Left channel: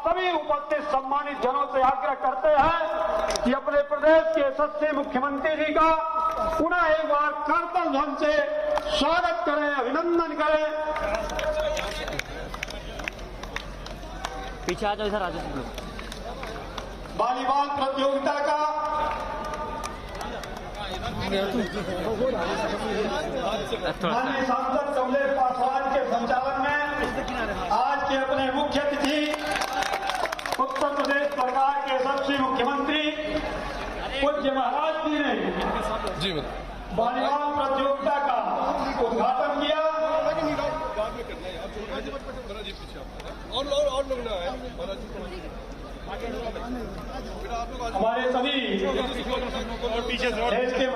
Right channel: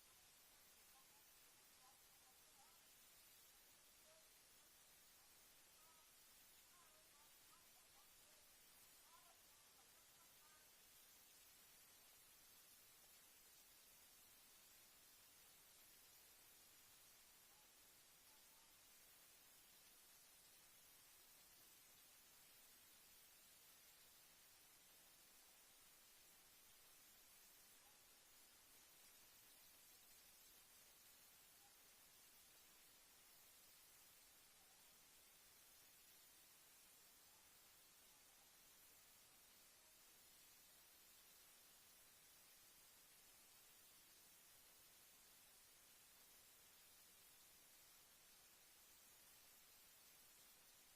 आप सभी उपस्थित सम्मानित जनों से आग्रह करते हैं कि अपने प्रदेश के यशस्वी मुख्यमंत्री जी का पुनः एक बार कारतल ध्वनि से स्वागत करें, अभिनंदन करें। पीछे आ जाओ, इधर आ जाओ। वॉलीबॉल प्रतियोगिता का माननीय सांसद कमलेश पासवान के संचालन में आज के अपने मुख्य अतिथि उत्तर प्रदेश सरकार के यशस्वी मुख्यमंत्री पूज्य महाराज जी ने वॉलीबॉल प्रतियोगिता का उद्घाटन किया। और लोग ना है हमारे सभी पीछे देश के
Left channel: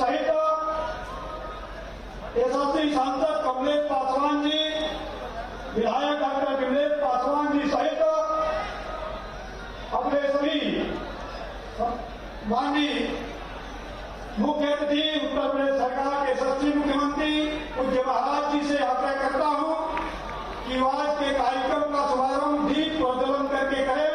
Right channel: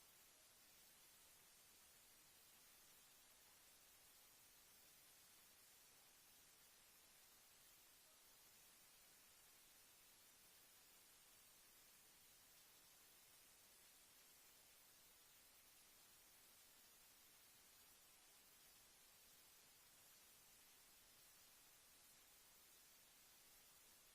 सहित यशस्वी सांसद कमलेश पासवान जी, विधायक डॉक्टर कमलेश पासवान जी सहित अपने सभी माननीय मुख्य अतिथि उत्तर प्रदेश सरकार के यशस्वी मुख्यमंत्री पूज्य महाराज जी से आग्रह करता हूं कि आज के कार्यक्रम का शुभारंभ दीप प्रज्वलन करके करें।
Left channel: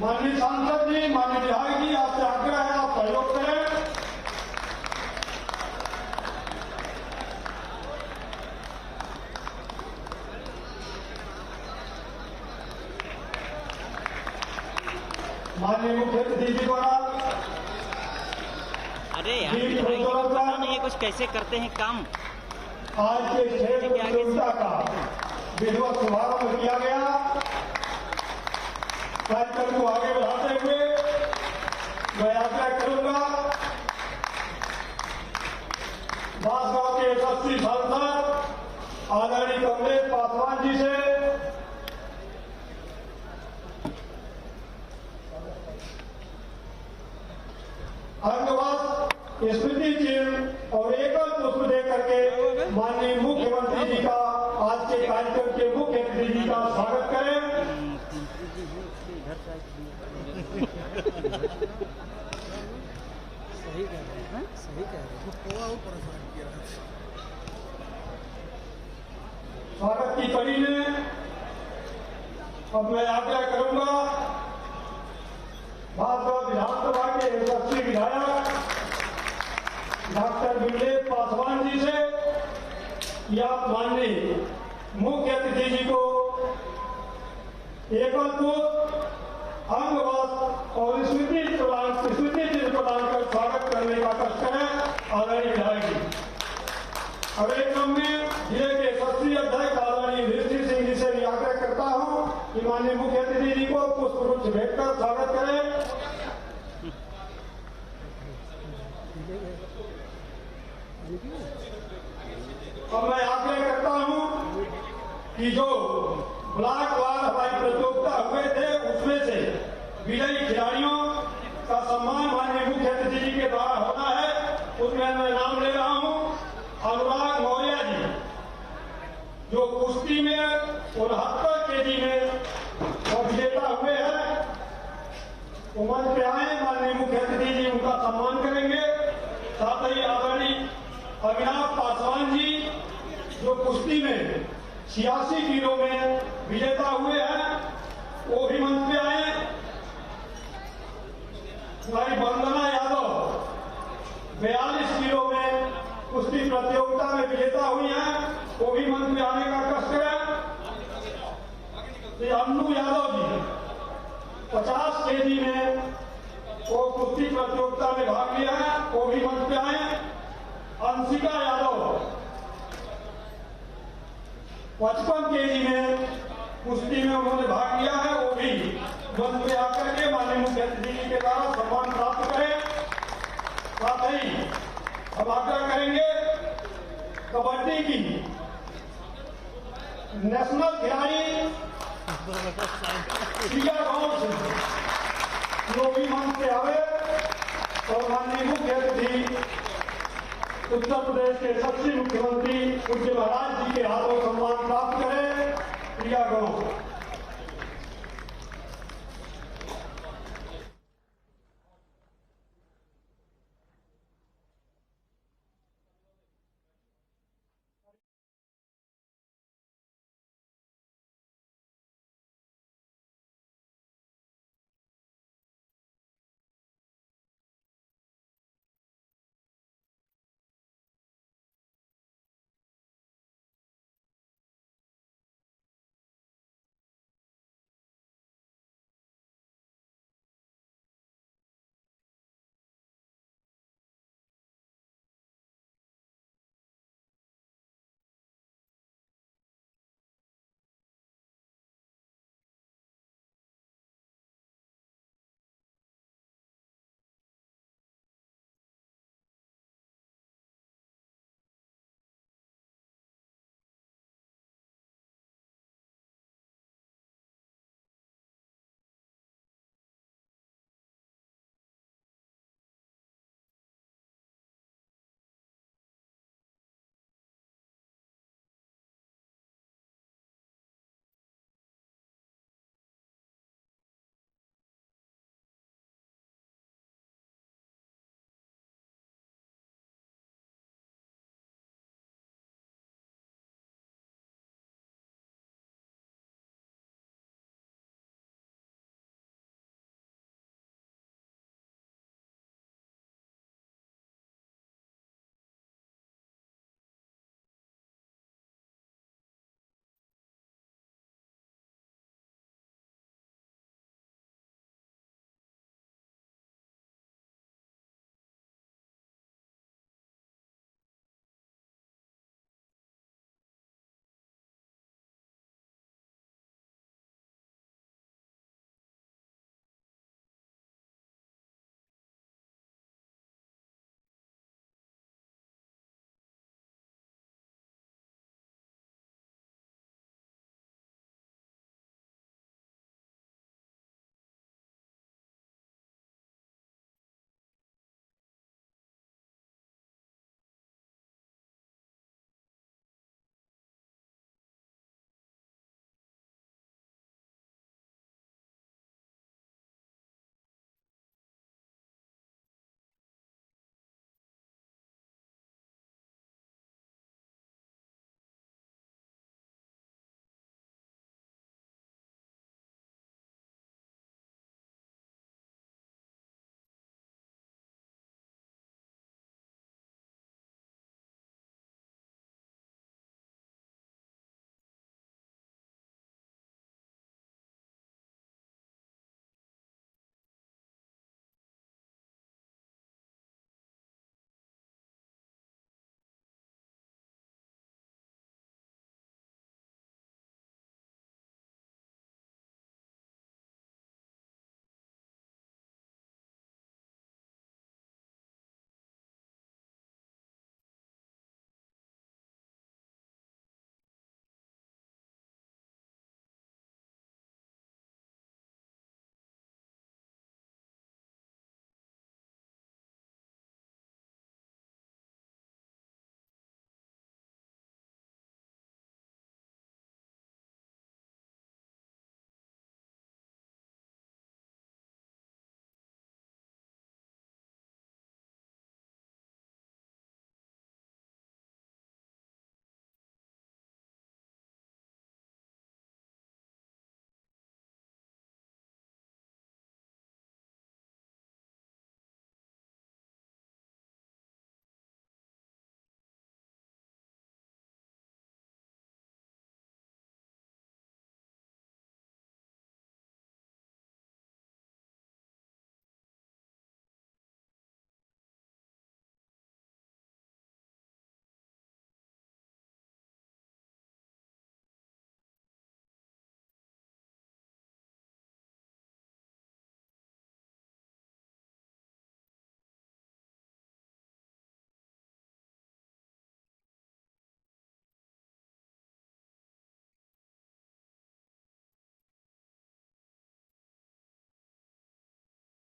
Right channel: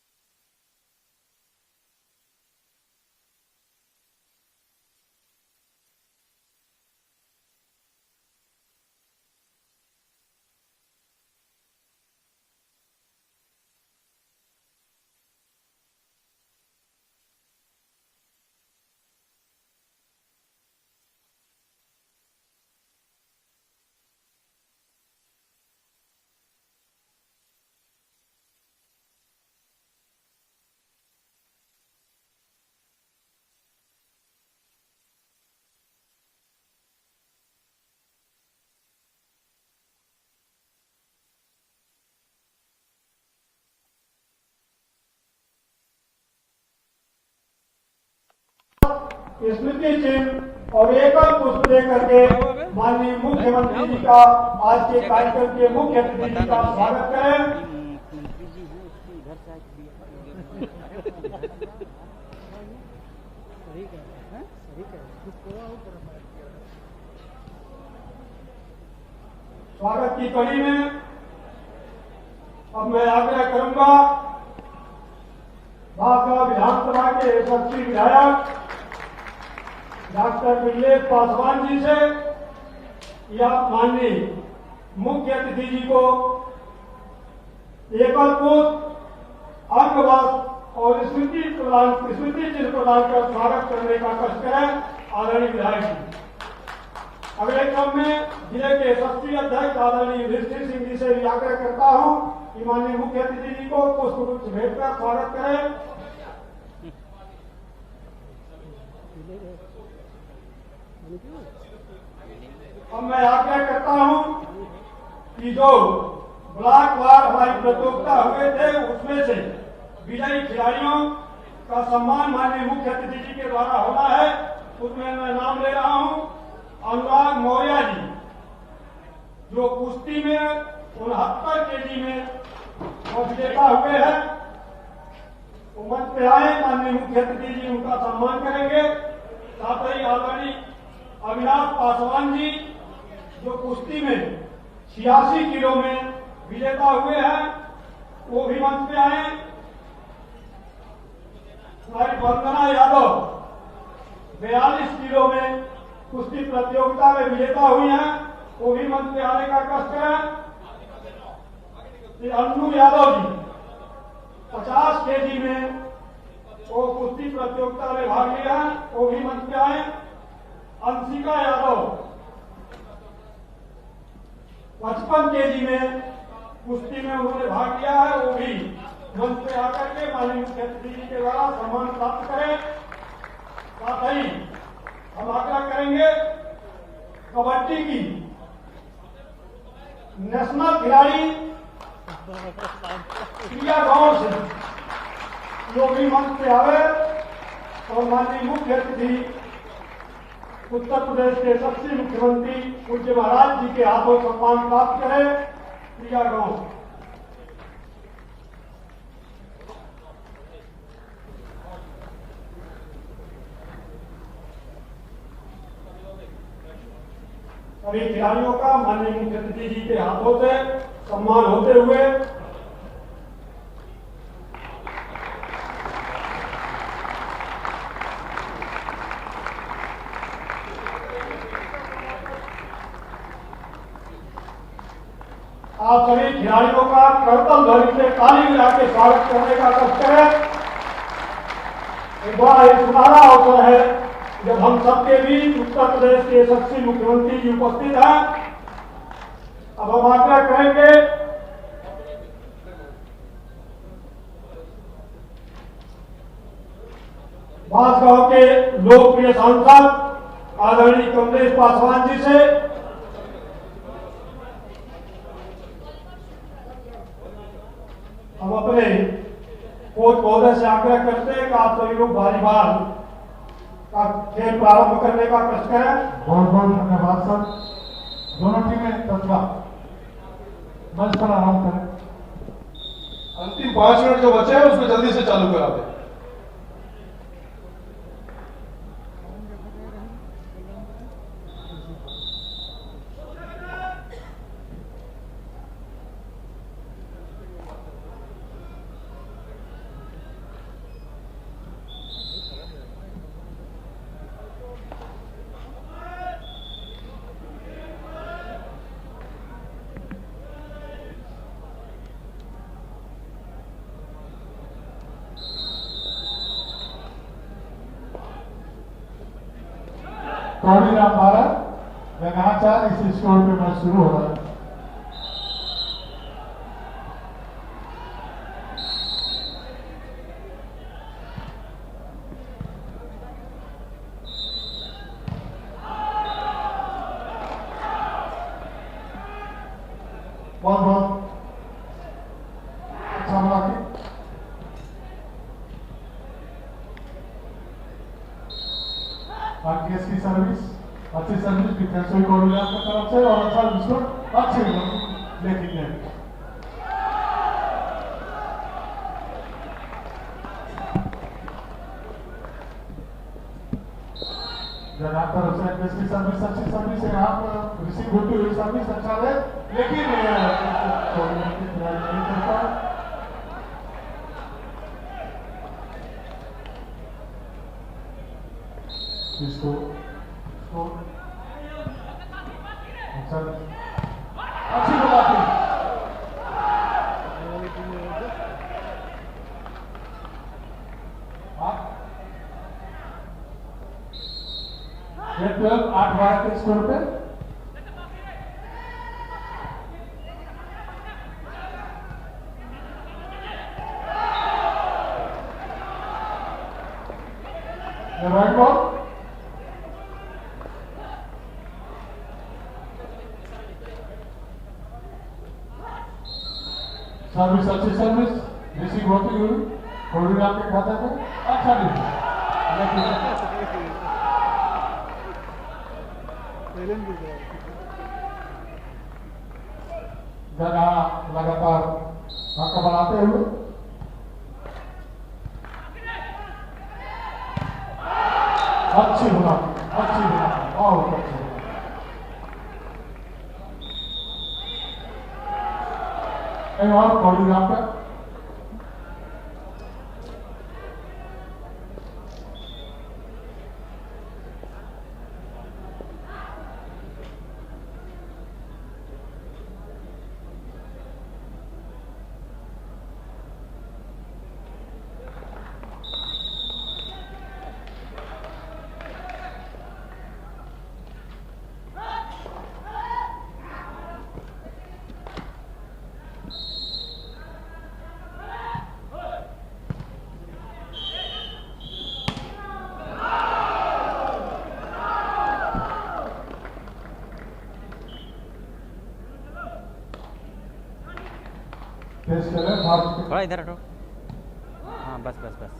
माननीय सांसद जी, माननीय विधायक जी, आपसे आग्रह है आप सहयोग करें। माननीय मुख्य अतिथि जी द्वारा अरे यार ये कुछ कैसे करते हैं काम। आज के खेल प्रतियोगिता का विधिवत शुभारंभ किया गया। कार्यक्रम को आगे बढ़ाते हुए मैं आग्रह करूंगा बांसगांव के यशस्वी सांसद आदरणीय कमलेश पासवान जी से अंगवाद स्मृति चिन्ह और एकल पुष्प देकर के माननीय मुख्यमंत्री जी का आज के कार्यक्रम के मुख्य अतिथि जी का स्वागत करें। सही कह रहे हैं, सही कह रहे हैं। स्वागत की कड़ी में अब मैं आग्रह करूंगा भाजपा विधानसभा के यशस्वी विधायक डॉक्टर कमलेश पासवान जी से कि आप माननीय मुख्य अतिथि जी को एकल पुष्प, अंगवस्त्र और स्मृति चिन्ह प्रदान कर स्वागत करने का कष्ट करें। आदरणीय विधायक जी। अगले क्रम में जिले के यशस्वी अध्यक्ष आदरणीय युधिष्ठिर सिंह जी से भी आग्रह करता हूं कि माननीय मुख्य अतिथि जी को पुष्प गुच्छ भेंट कर स्वागत करें। अब मैं आग्रह करता हूं कि जो ब्लॉक वार हमारी प्रतियोगिता हुए थे उसमें से विजयी खिलाड़ियों का सम्मान माननीय मुख्य अतिथि जी के द्वारा होना है। उसमें मैं नाम ले रहा हूं अनुराग मौर्य जी, जो कुश्ती में 69 केजी में और विजेता हुए हैं। वो मंच पे आए, माननीय मुख्य अतिथि जी उनका सम्मान करेंगे। साथ ही आदरणीय अविनाश पासवान जी, जो कुश्ती में 86 किलो में विजेता हुए हैं, वो भी मंच पे आए। हमारी वंदना यादव 42 किलो में कुश्ती प्रतियोगिता में विजेता हुई हैं, वो भी मंच में आने का कष्ट करें। अन्नू यादव जी 50 केजी में वो कुश्ती प्रतियोगिता में भाग लिया है, वो भी मंच पे आए। अंशिका यादव 55 केजी में कुश्ती में उन्होंने भाग लिया है, वो भी मंच पे आकर के माननीय मुख्य अतिथि जी के द्वारा सम्मान प्राप्त करें। साथ ही हम आग्रह करेंगे कबड्डी की नेशनल खिलाड़ी प्रिया गांव से जो भी मंच पे आवे तो माननीय मुख्य अतिथि उत्तर प्रदेश के यशस्वी मुख्यमंत्री पूज्य महाराज जी के हाथों सम्मान प्राप्त करें। प्रिया गांव सभी खिलाड़ियों का माननीय मुख्य अतिथि जी के हाथों से सम्मान होते हुए आप सभी खिलाड़ियों का करतल ध्वनि से ताली बजा के स्वागत करने का कष्ट करें। एक बड़ा एक सुनहरा अवसर है जब हम सबके बीच उत्तर प्रदेश के यशस्वी मुख्यमंत्री जी उपस्थित हैं। अब हम आग्रह करेंगे बांसगांव के लोकप्रिय सांसद आदरणीय कमलेश पासवान जी से हम अपने कोच महोदय से आग्रह करते हैं कि आप सभी लोग वॉलीबॉल का खेल प्रारंभ करने का कष्ट करें। बहुत बहुत धन्यवाद सर। दोनों टीमें तत्वा मंच पर आराम करें। अंतिम 5 मिनट जो बचे हैं उसमें जल्दी से चालू करा दें। कौड़ी राम भारत रंगाचार इस स्कोर पे मैच शुरू हो रहा है। बहुत बहुत अच्छा लगा कि केस की सर्विस अच्छी सर्विस डिफेंसिव कोऑर्डिनेटर की तरफ से और अच्छा विस्फोट अच्छे लेकिन यहाँ पर केस की सर्विस अच्छी सर्विस है। यहाँ पर रिसीव होती हुई सर्विस अच्छा है लेकिन कोऑर्डिनेटर की तैयारी नहीं करता। इसको अच्छा अच्छी बात है। 8 12 के स्कोर पे The right ball. सर्विस अच्छी सर्विस रिसीव होती हुई कोहली आपके खाते में अच्छा जगह लगातार मौका बनाते हुए अच्छी बना बहुत अच्छी और कोहली यहाँ पे थोड़ा इधर हटो। हाँ बस बस बस।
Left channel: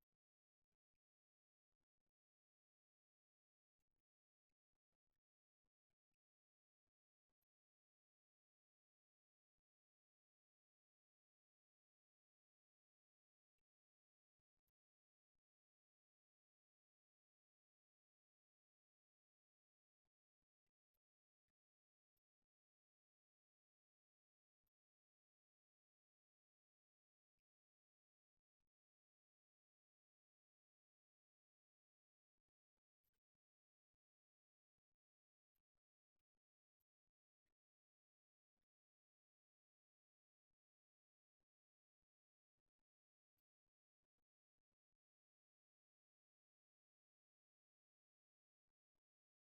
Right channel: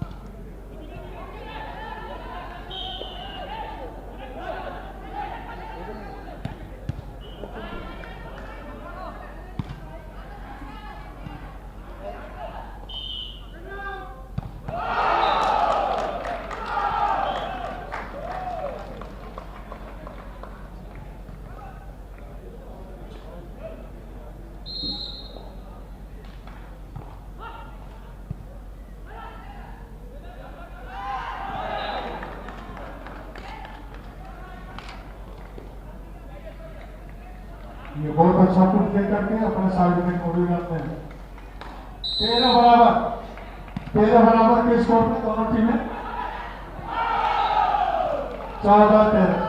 ये बहुत अच्छा पुट दे करके अपने साइड में कोहली रखते हैं 13 बराबर के स्कोर पे दोनों टीमें 14-13।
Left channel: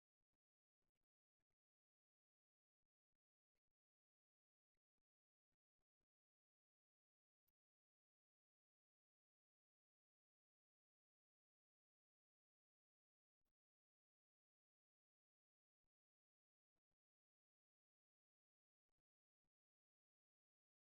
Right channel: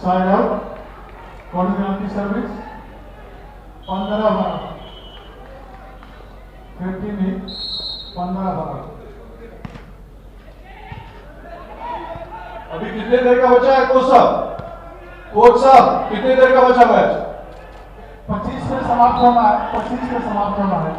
साइड आउट कोहली की सर्विस 15 बराबर 15 बराबर। अभी कितने देर का बचा है कोच साहब कितने देर का बचा मैच? 25 पे समाप्त होना है 25 पे समाप्त होना है।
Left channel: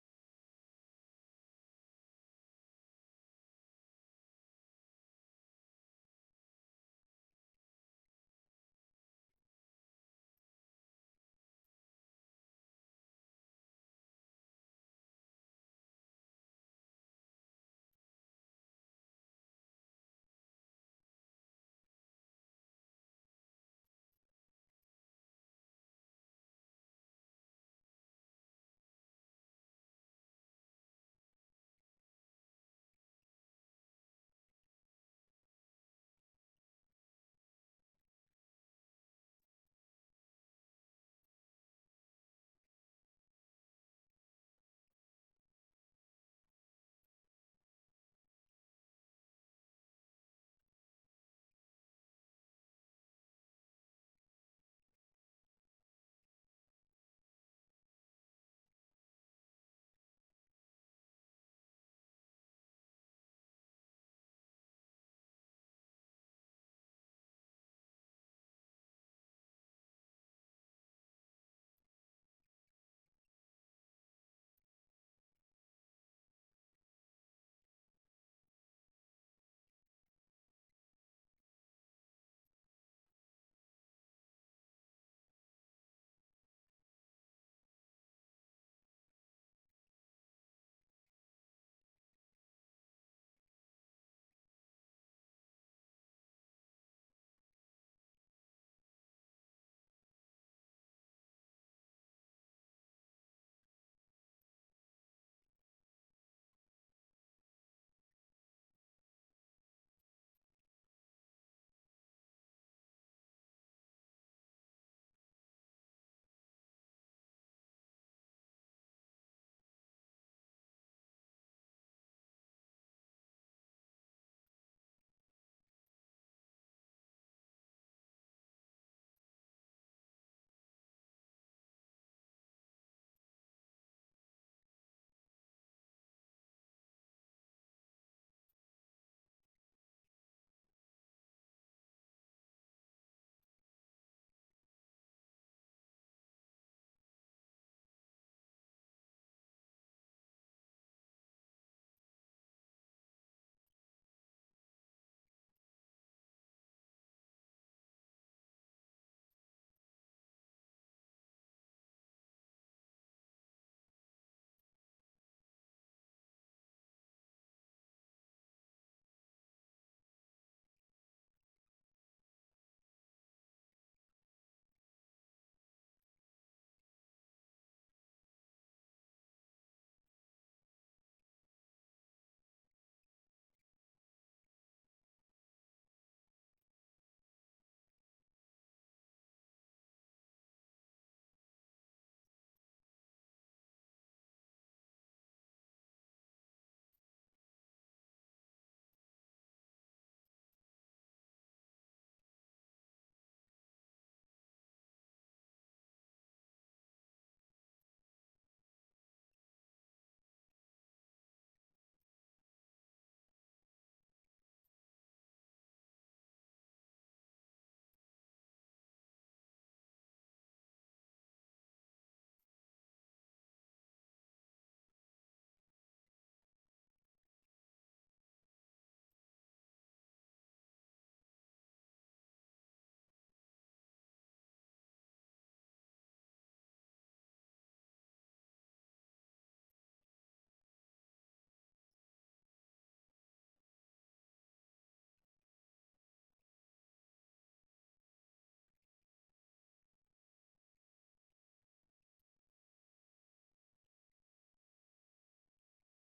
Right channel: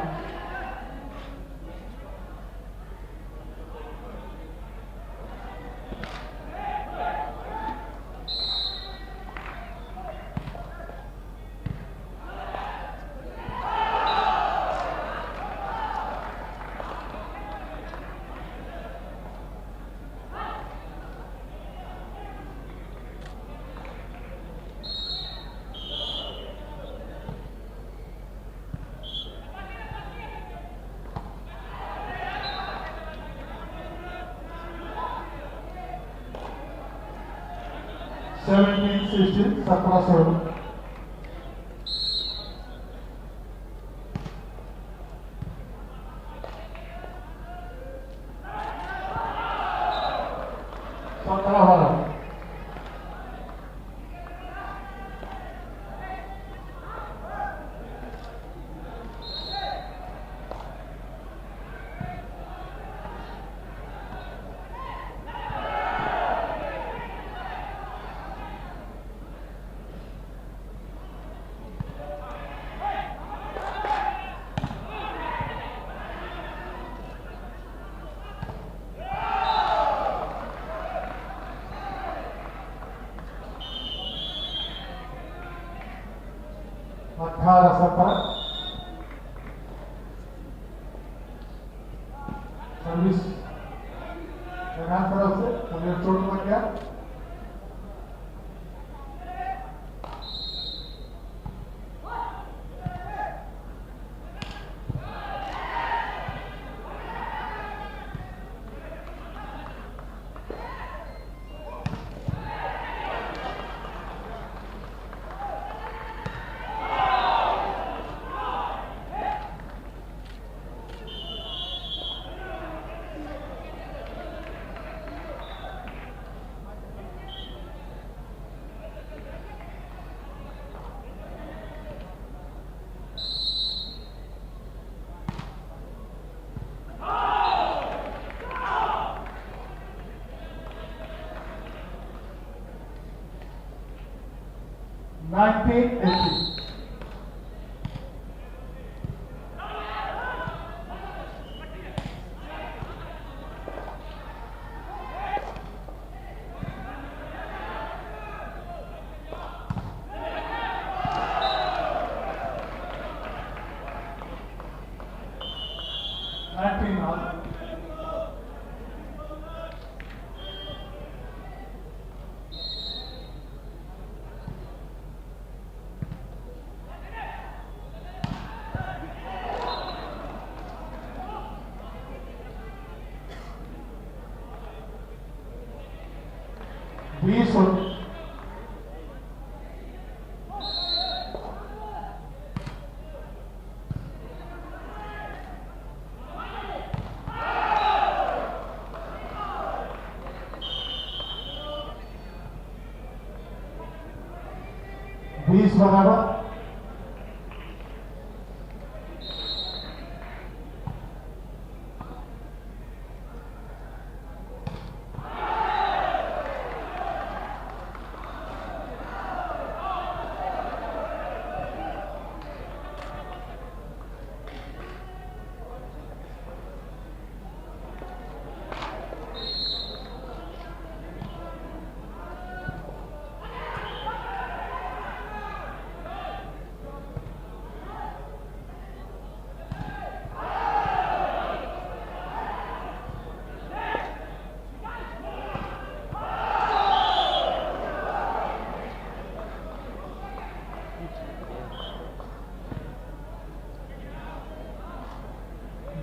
सफर सर्विस तरफ से हमें चोट लग गया। बीस 20 बराबर।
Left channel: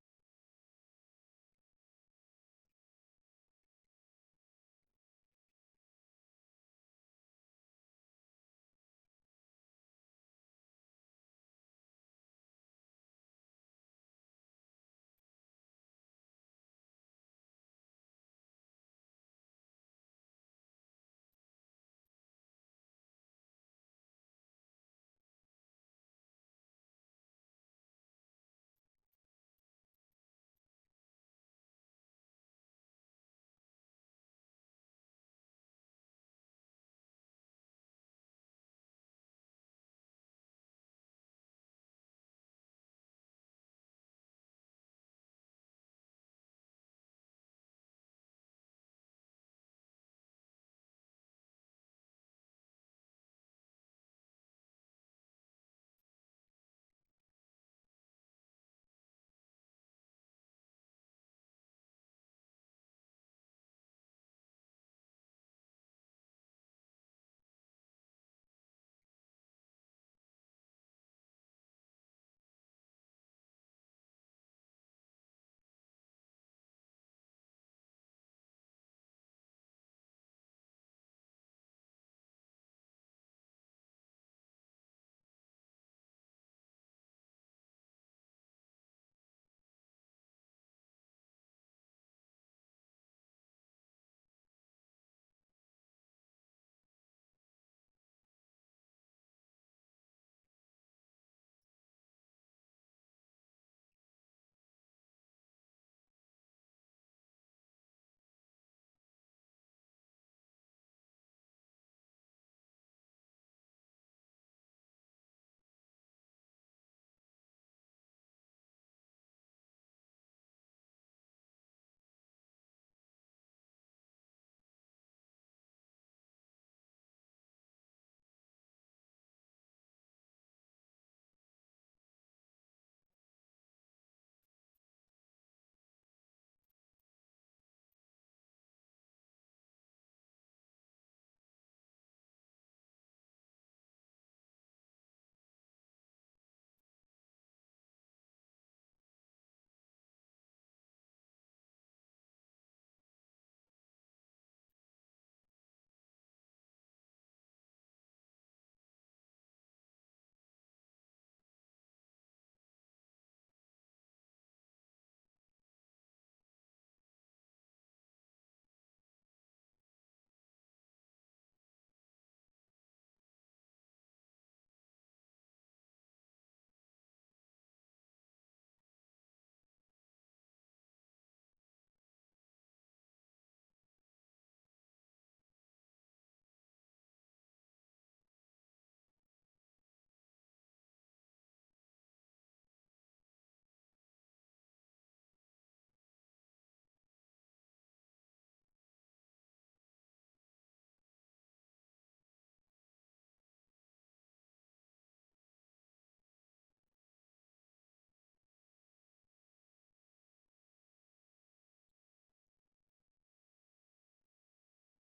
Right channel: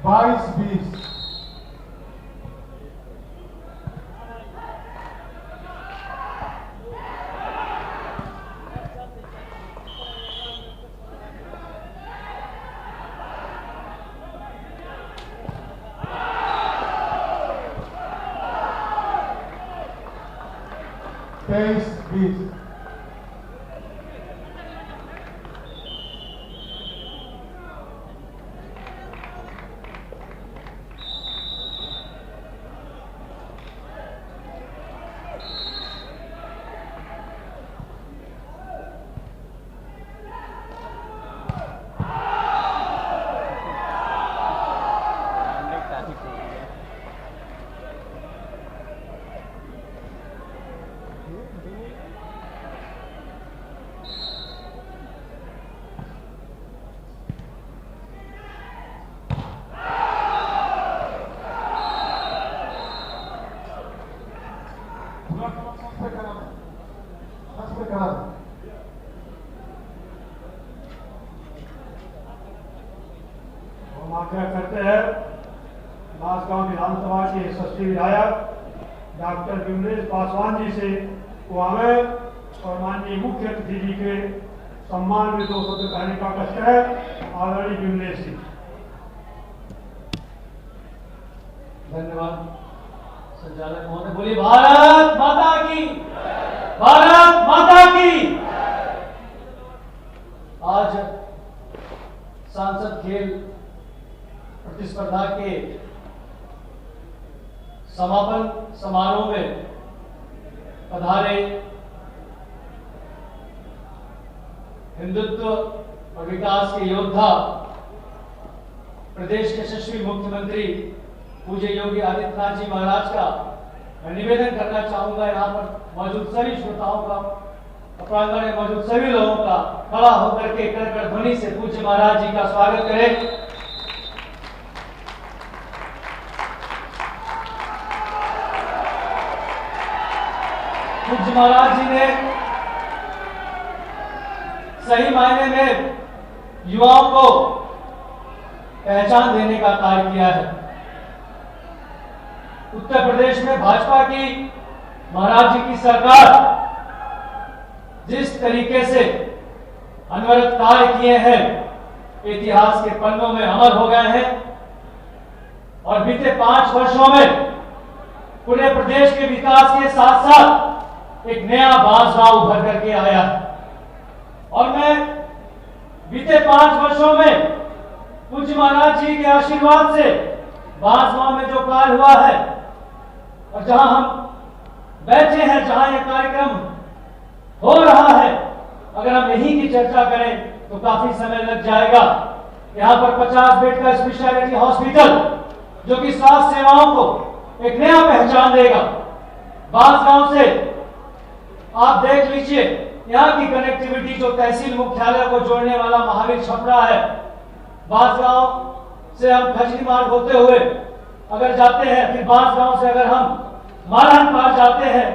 बाईस 20 23 20 आग्रह करते हैं बांसगांव विधानसभा के यशस्वी विधायक डॉक्टर विमलेश पासवान जी से को आवे और माननीय मुख्य अतिथि जी के सम्मान में 2 शब्द कहने का कष्ट है। आदरणीय विमलेश जी। धन्यवाद संचालक महोदय। बोलिए भारत माता की, भारत माता की। आज सांसद खेल प्रतिस्पर्धा के समापन समारोह में पधारे हिंदुत्व और विकास के योद्धा प्रदेश के यशस्वी मुख्यमंत्री पूज्य योगी आदित्यनाथ जी महाराज का मैं निवेदन करना चाहूंगा यहाँ पर मौजूद सभी श्रोताओं का प्रांगण में मौजूद सभी लोगों का खड़ा होकर के कर ध्वनि से पूज्य महाराज जी का स्वागत करें। पूज्य महाराज जी ने सही मायने में युवाओं को पहचान देने का कार्य किया है। उत्तर प्रदेश में भाजपा की महाराज जी की सरकार जिस तरीके से अनवरत कार्य किए हैं, इतिहास के पन्नों में अमर हो गए हैं और बीते 5 वर्षों में पूरे प्रदेश के विकास के साथ साथ एक नया बांसगांव उभर करके आया है। और मैं बीते 5 वर्षों में पूज्य महाराज जी के आशीर्वाद से बांसगांव में जो कार्य हुआ है और जहां हम बैठे हैं, जहां यह कार्यक्रम हो रहा है, अगर हम यही की चर्चा करें तो काफी समय लग जाएगा। यहां पर 50 बेड का स्पेशलिटी हॉस्पिटल जो कि स्वास्थ्य सेवाओं को एक नया पहचान देगा। बांसगांव से आप देख लीजिए, यहां की कनेक्टिविटी जो तहसील मुख्यालय को जोड़ने वाला महावीर छपरा है, बांसगांव से हम खजरी मार्ग होते हुए अगर जाते हैं, फिर बांसगांव से अगर हम मारहन पार जाते हैं,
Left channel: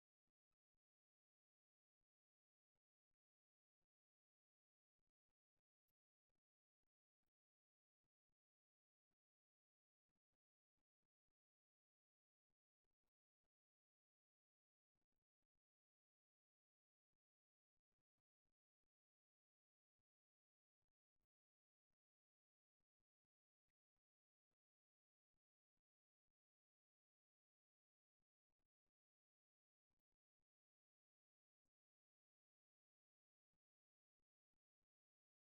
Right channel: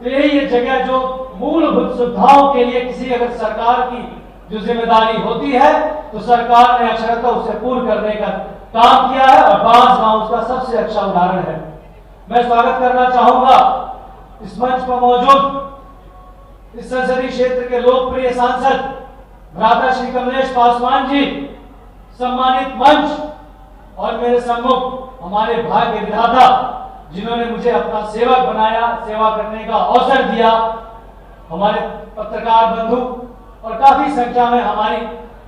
तो यही ये जगह जो मूलभूत सुविधाओं के लिए किसी अगर सरकार की जो जिम्मेदारी होती है तो सरकार ने अक्षरशः उसे पूर्ण करने का काम किया है और बांसगांव उसका सबसे अच्छा उदाहरण है। मैं स्वागत करना चाहूंगा इस मंच पर मौजूद इस संसदीय क्षेत्र के लोकप्रिय सांसद भ्राता श्री कमलेश पासवान जी, सम्मानित मंच और मेरे सम्मुख हमारे भाग्य विधाता जिन्होंने मुझे अपना सेवक बनाया, सेवा करने का अवसर दिया, हमारे पत्रकार बंधु और काफी संख्या में हमारी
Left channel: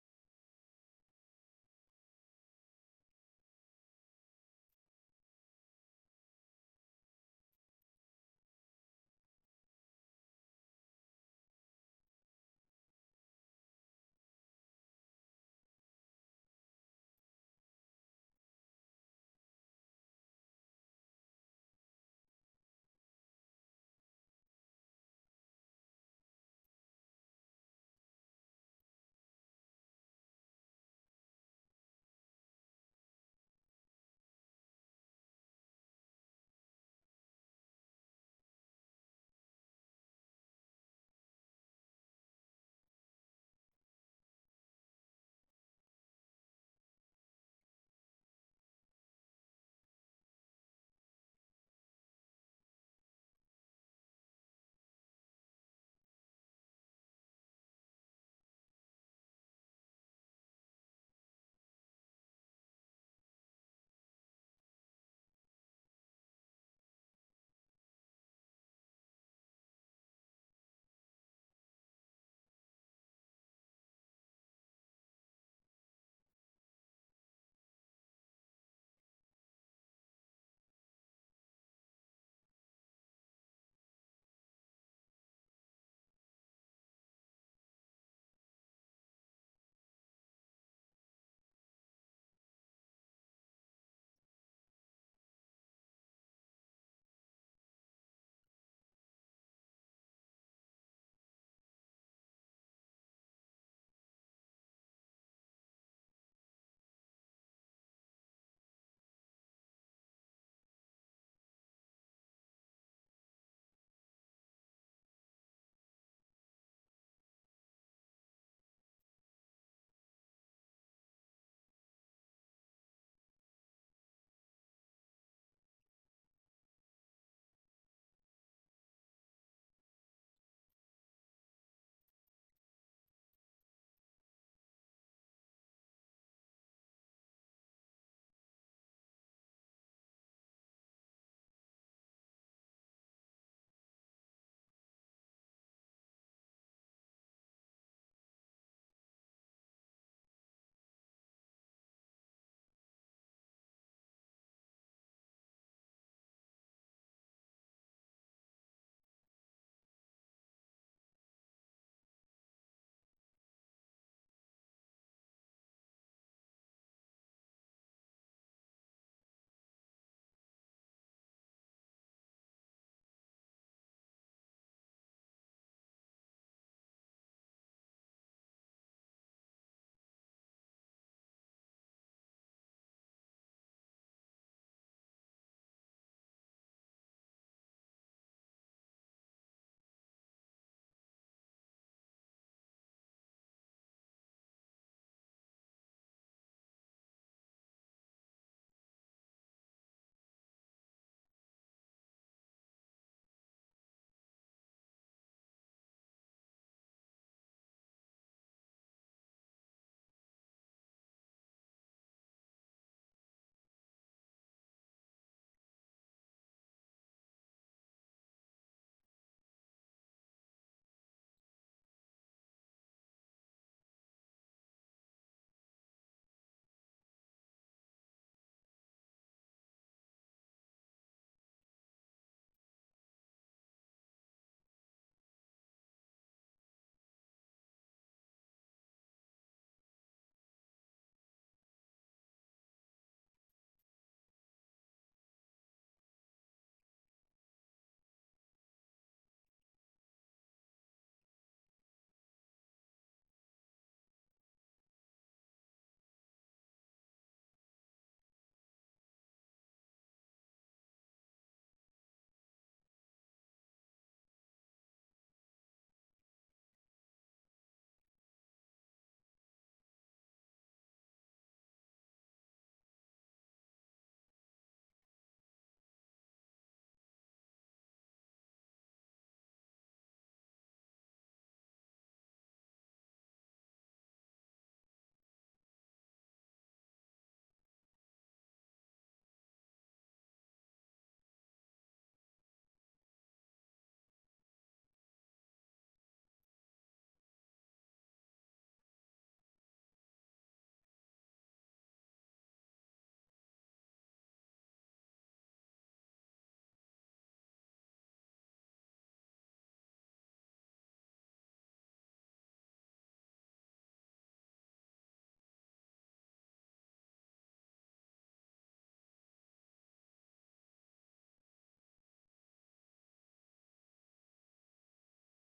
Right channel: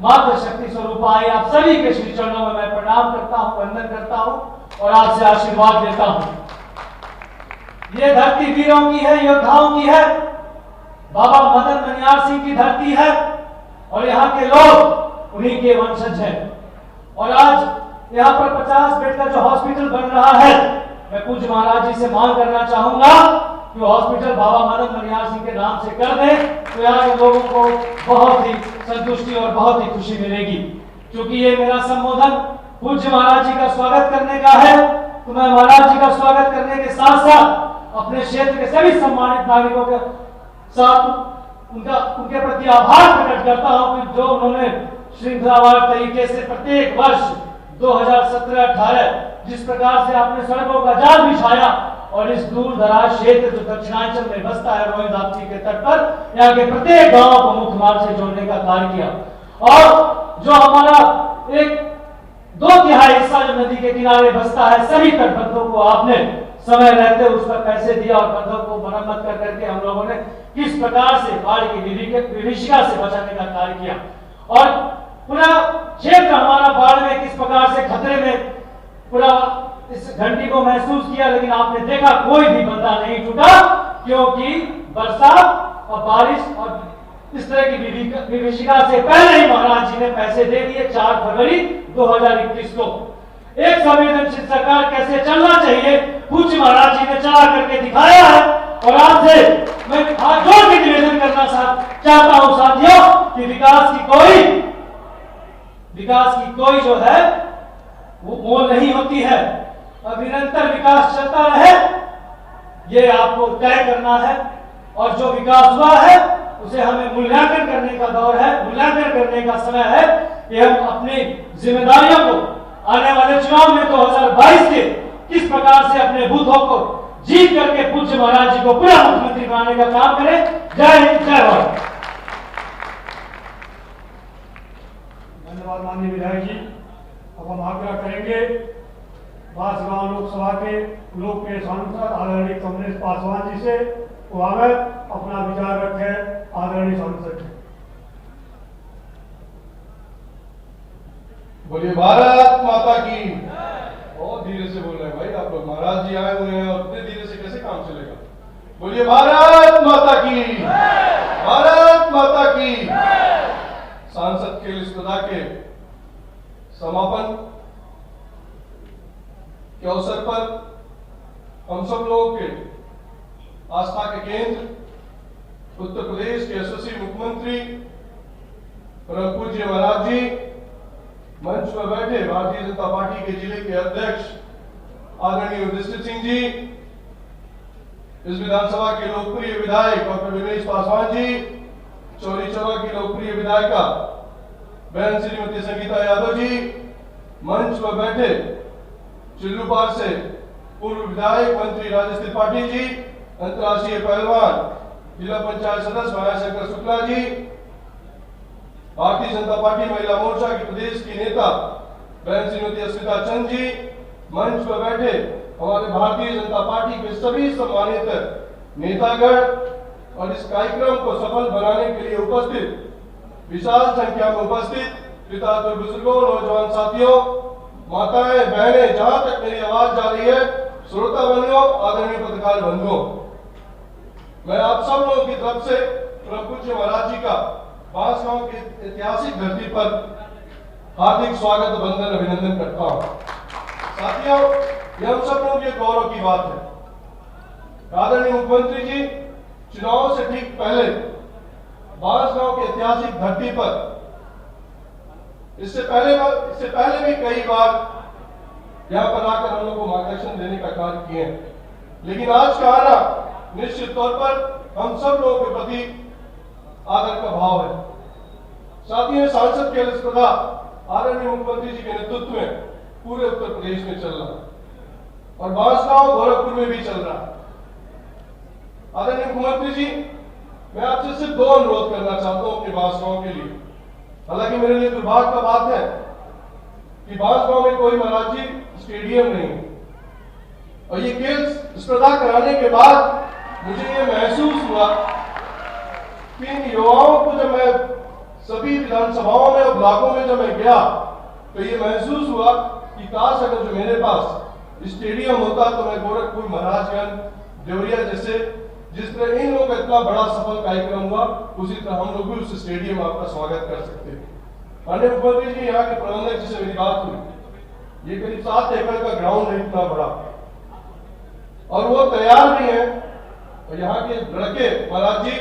मातृशक्ति स्वरूप आई, आप सभी के श्री चरणों में मैं प्रणाम करता हूं, वंदन करता हूं और आपसे आशीर्वाद लेता हूं। ये धरती वीरों की है, योद्धाओं की है, बाबा मदन मनियार सिंह की धरती है और यहाँ के लोग उन्हीं के वंशज हैं। और आज यहाँ पर 50 बेड का जो हॉस्पिटल बन रहा है, मैं पूज्य महाराज जी से मांग करना चाहूंगा कि हॉस्पिटल बाबा मदन मनियार सिंह के नाम से कर दें, तो यहाँ के लोगों को बहुत ही संतुष्टि और बहुत ही खुशी मिलेगी। क्योंकि ये मेरा संबोधन पूज्य महाराज जी का स्वागत करने का है, तो मैं महाराज जी का स्वागत करने के साथ साथ अपने क्षेत्र के सभी सम्मानित नागरिकों के साथ उनके प्रति आभार प्रकट करता हूं कि जो उन्होंने श्रृंखलावार तरीके से प्रत्येक वर्ष 2017-18 जिस प्रकार से आपने सड़कों का जाल बिछाया और इस दूर दराज क्षेत्र जो दक्षिणांचल में बसता है रोहित राप्ती के तट पर, यहाँ के प्रत्येक गांव को मुख्य मार्ग से जोड़ने का कार्य किया। और जो हमारा एक 2/3 हिस्सा जो नदी के किनारे बसता है, सभी तटबंधों को आपने समय रहते उस पर पैसे दिया और बंधों को मरम्मत कर करके हम लोगों ने किस प्रकार से बाढ़ की विभीषिका से बचाने का कार्य किया। और पूरा क्षेत्र हमारा बाढ़ में किस प्रकार से खतरे में पूरा इस घंटी को महसूस किया, लेकिन आपने देखा कोई भी बंदा नहीं टूटा, क्योंकि बरसात और बारिश और इस तरह की विभीषिका से पहले ही महाराज जी ने पैसे दे दिए। 4 फरवरी 2021 को एक संवेदनशील सरकार कैसे चलना चाहिए पूज्य महाराज जी ने चला करके दिखाया है। और आपसे मैं हाथ जोड़ के निवेदन करना चाहता हूं साथियों कि विकास की कोई जो है वो मोल नहीं होती है और निरंतर विकास चलता रहे, ये आपको तय करना है। और जो विकास हुआ है उसे हमें मूल्यांकन करने का दौर है, मूल्यांकन करने का समय है कि हम अपनी जिम्मेदारियों को आने वाले चुनाव में 2022 के किस प्रकार से अपने बूथों को जीत करके पूज्य महाराज जी को पूरा मुख्यमंत्री बनाने का काम करें। जय हिंद, जय भारत। धन्यवाद माननीय विधायक जी। अब हम आग्रह करेंगे बांसगांव लोकसभा के लोकप्रिय सांसद आदरणीय कमलेश पासवान जी से, वो आगे अपना विचार रखें। आदरणीय सांसद बोलिए भारत माता की। बहुत धीरे से बोल रहे हैं भाई आप लोग, महाराज जी आए हुए हैं और इतने धीरे से कैसे काम चलेगा। बोलिए भारत माता की, भारत माता की। सांसद खेल स्पर्धा के समापन के अवसर पर हम सब लोगों के आस्था के केंद्र उत्तर प्रदेश के यशस्वी मुख्यमंत्री परम पूज्य महाराज जी, मंच पर बैठे भारतीय जनता पार्टी के जिले के अध्यक्ष आदरणीय युधिष्ठिर सिंह जी, इस विधानसभा के लोकप्रिय विधायक डॉक्टर विनेश पासवान जी, चौरी चौरा की लोकप्रिय विधायिका बहन श्रीमती संगीता यादव जी, मंच पर बैठे चिल्लूपार से पूर्व विधायक मंत्री राजेश त्रिपाठी जी, अंतर्राष्ट्रीय पहलवान जिला पंचायत सदस्य मायाशंकर शुक्ला जी, भारतीय जनता पार्टी महिला मोर्चा की प्रदेश की नेता बहन श्रीमती अस्मिता चंद जी, मंच पर बैठे हमारे भारतीय जनता पार्टी के सभी सम्मानित नेतागण और इस कार्यक्रम को सफल बनाने के लिए उपस्थित विशाल संख्या में उपस्थित पिता तो बुजुर्गों, नौजवान साथियों, माताएं, बहनें, जहां तक मेरी आवाज जा रही है, श्रोता बंधुओं, आदरणीय पत्रकार बंधुओं, मैं आप सब लोगों की तरफ से परम पूज्य महाराज जी का बांसगांव की ऐतिहासिक धरती पर हार्दिक स्वागत, वंदन, अभिनंदन करता हूं। साथियों, यह हम सब लोगों के गौरव की बात है। आदरणीय मुख्यमंत्री जी चुनाव से ठीक पहले बांसगांव की ऐतिहासिक धरती पर इससे पहले भी कई बार यहां पर आकर हम लोग को मार्गदर्शन देने का कार्य किए हैं, लेकिन आज का आना निश्चित तौर पर हम सब लोगों के प्रति आदर का भाव है। साथियों, सांसद की स्पर्धा आदरणीय मुख्यमंत्री जी के नेतृत्व में पूरे उत्तर प्रदेश में चल रहा है और बांसगांव गोरखपुर में भी चल रहा है। आदरणीय मुख्यमंत्री जी, मैं आपसे सिर्फ दो अनुरोध करना चाहता हूं अपने बांसगांव के लिए। हालांकि मेरे लिए दुर्भाग्य का बात है कि बांसगांव में कोई महाराज जी स्टेडियम नहीं है और ये खेल स्पर्धा कराने के बाद मुझे ये महसूस हुआ कि इन युवाओं को जब मैं सभी विधानसभाओं में और ब्लॉकों में जब मैं गया तो ये महसूस हुआ कि काश अगर जो मेरे पास स्टेडियम होता तो मैं गोरखपुर, महाराजगंज, देवरिया जैसे जिस तरह इन लोगों का इतना बड़ा सफल कार्यक्रम हुआ, उसी तरह हम लोग भी उस स्टेडियम में आपका स्वागत कर सकते हैं। माननीय मुख्यमंत्री जी, यहाँ के प्रबंधक जी से मेरी बात हुई, ये करीब 7 एकड़ का ग्राउंड है, इतना बड़ा, और वो तैयार भी है। और यहाँ के लड़के महाराज जी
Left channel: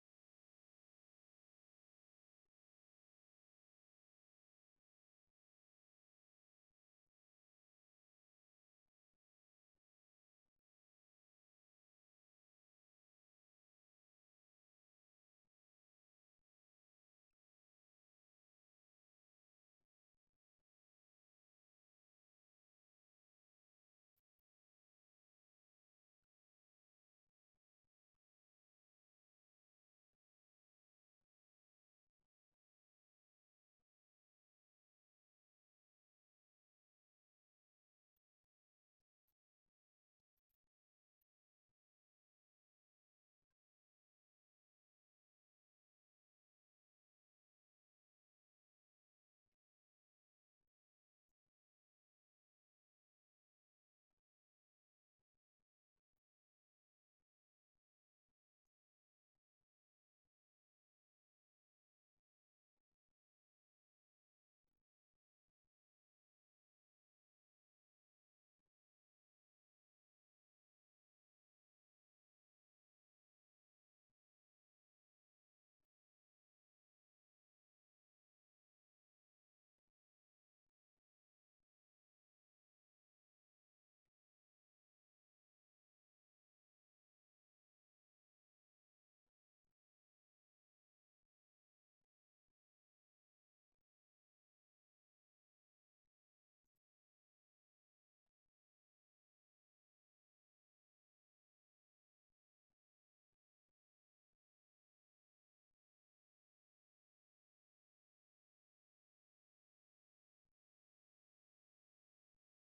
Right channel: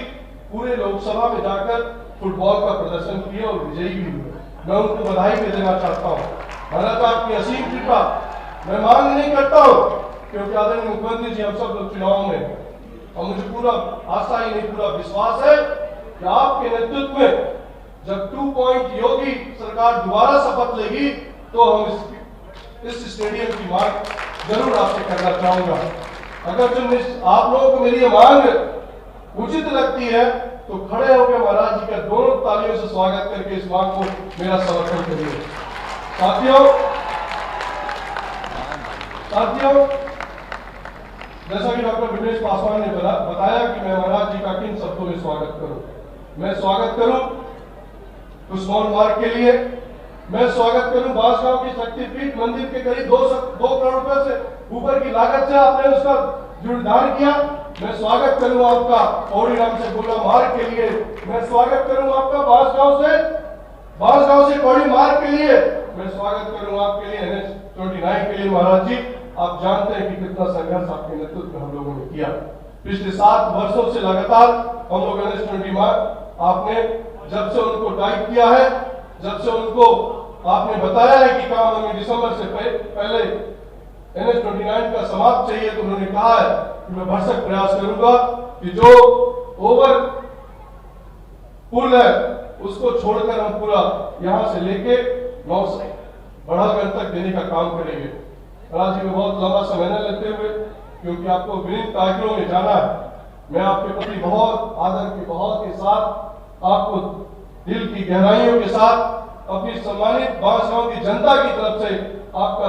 पूरे लोकसभा में जाकर फुटबॉल का प्रदर्शन किए और विजयी भी हुए। मैं उनको बधाई भी देना चाहता हूँ। महाराज आपकी असीम कृपा मैं मांग नहीं करता हूँ, क्योंकि आदरणीय मुख्यमंत्री जी हम सब लोग चुनाव में, और मुझे पूरा आशा ही नहीं पूरा विश्वास है कि आपके नेतृत्व में जब 2 पॉइंट योगी सरकार दोबारा शपथ लेगी तो हम इस स्टेडियम की मांग जरूर आपसे करना चाहूंगा। अगर जो आप लोगों को मेरी मांग उचित लगती है तो खड़े होकर महाराज जी का दोनों तालियों से स्वागत करके इस मांग को मेरा समर्थन करिए। साथियों, जैसा कि डॉक्टर विनेश पासवान ने बताया कि मैं महाराज जी का किन शब्दों में स्वागत करूं। मैं स्वागत करूं उस्मान मार्ग के लिए, मैं स्वागत करूं बांसगांव की शक्तिपीठ मंदिर के करीब 2 करोड़ रुपए से ऊपर की लागत से आपने उसका जीर्णोद्धार किया। मैं स्वागत करूं आपका पौड़ी राम से गोला मार्ग के लिए, मैं स्वागत करूं आपका बांसगांव से पौड़ी मार्ग के लिए, मैं स्वागत करूं आपके लिए NH 29 के लिए। महाराज जी, आप जानते हैं कि कितना संघर्ष आपके नेतृत्व में हम लोगों ने किया। पिछले 7 वर्षों से लगातार हम लोग NH 29 आपने जब से उनको टाइप किया है, जब से उनको आपने बताया है कि काम हमें दिसंबर से पहले NH 29 का समाप्त चाहिए, तो उन्होंने कहा है कि मैं भरसक प्रयास करूंगा कि जो ओवर पुल है उसको छोड़कर हम पूरा यहां से लेके बढ़ागढ़ तक देने का काम करेंगे। महाराज जी, में बहुत लंबा समय न लेते हुए, क्योंकि आपको विभिन्न कार्यक्रमों में जाना है, मैं आपके प्रति बहुत आदर के बहुत के साथ आपको दिल की गहराइयों के साथ अपनी सम्मानित बांसगांव की जनता की तरफ से आपका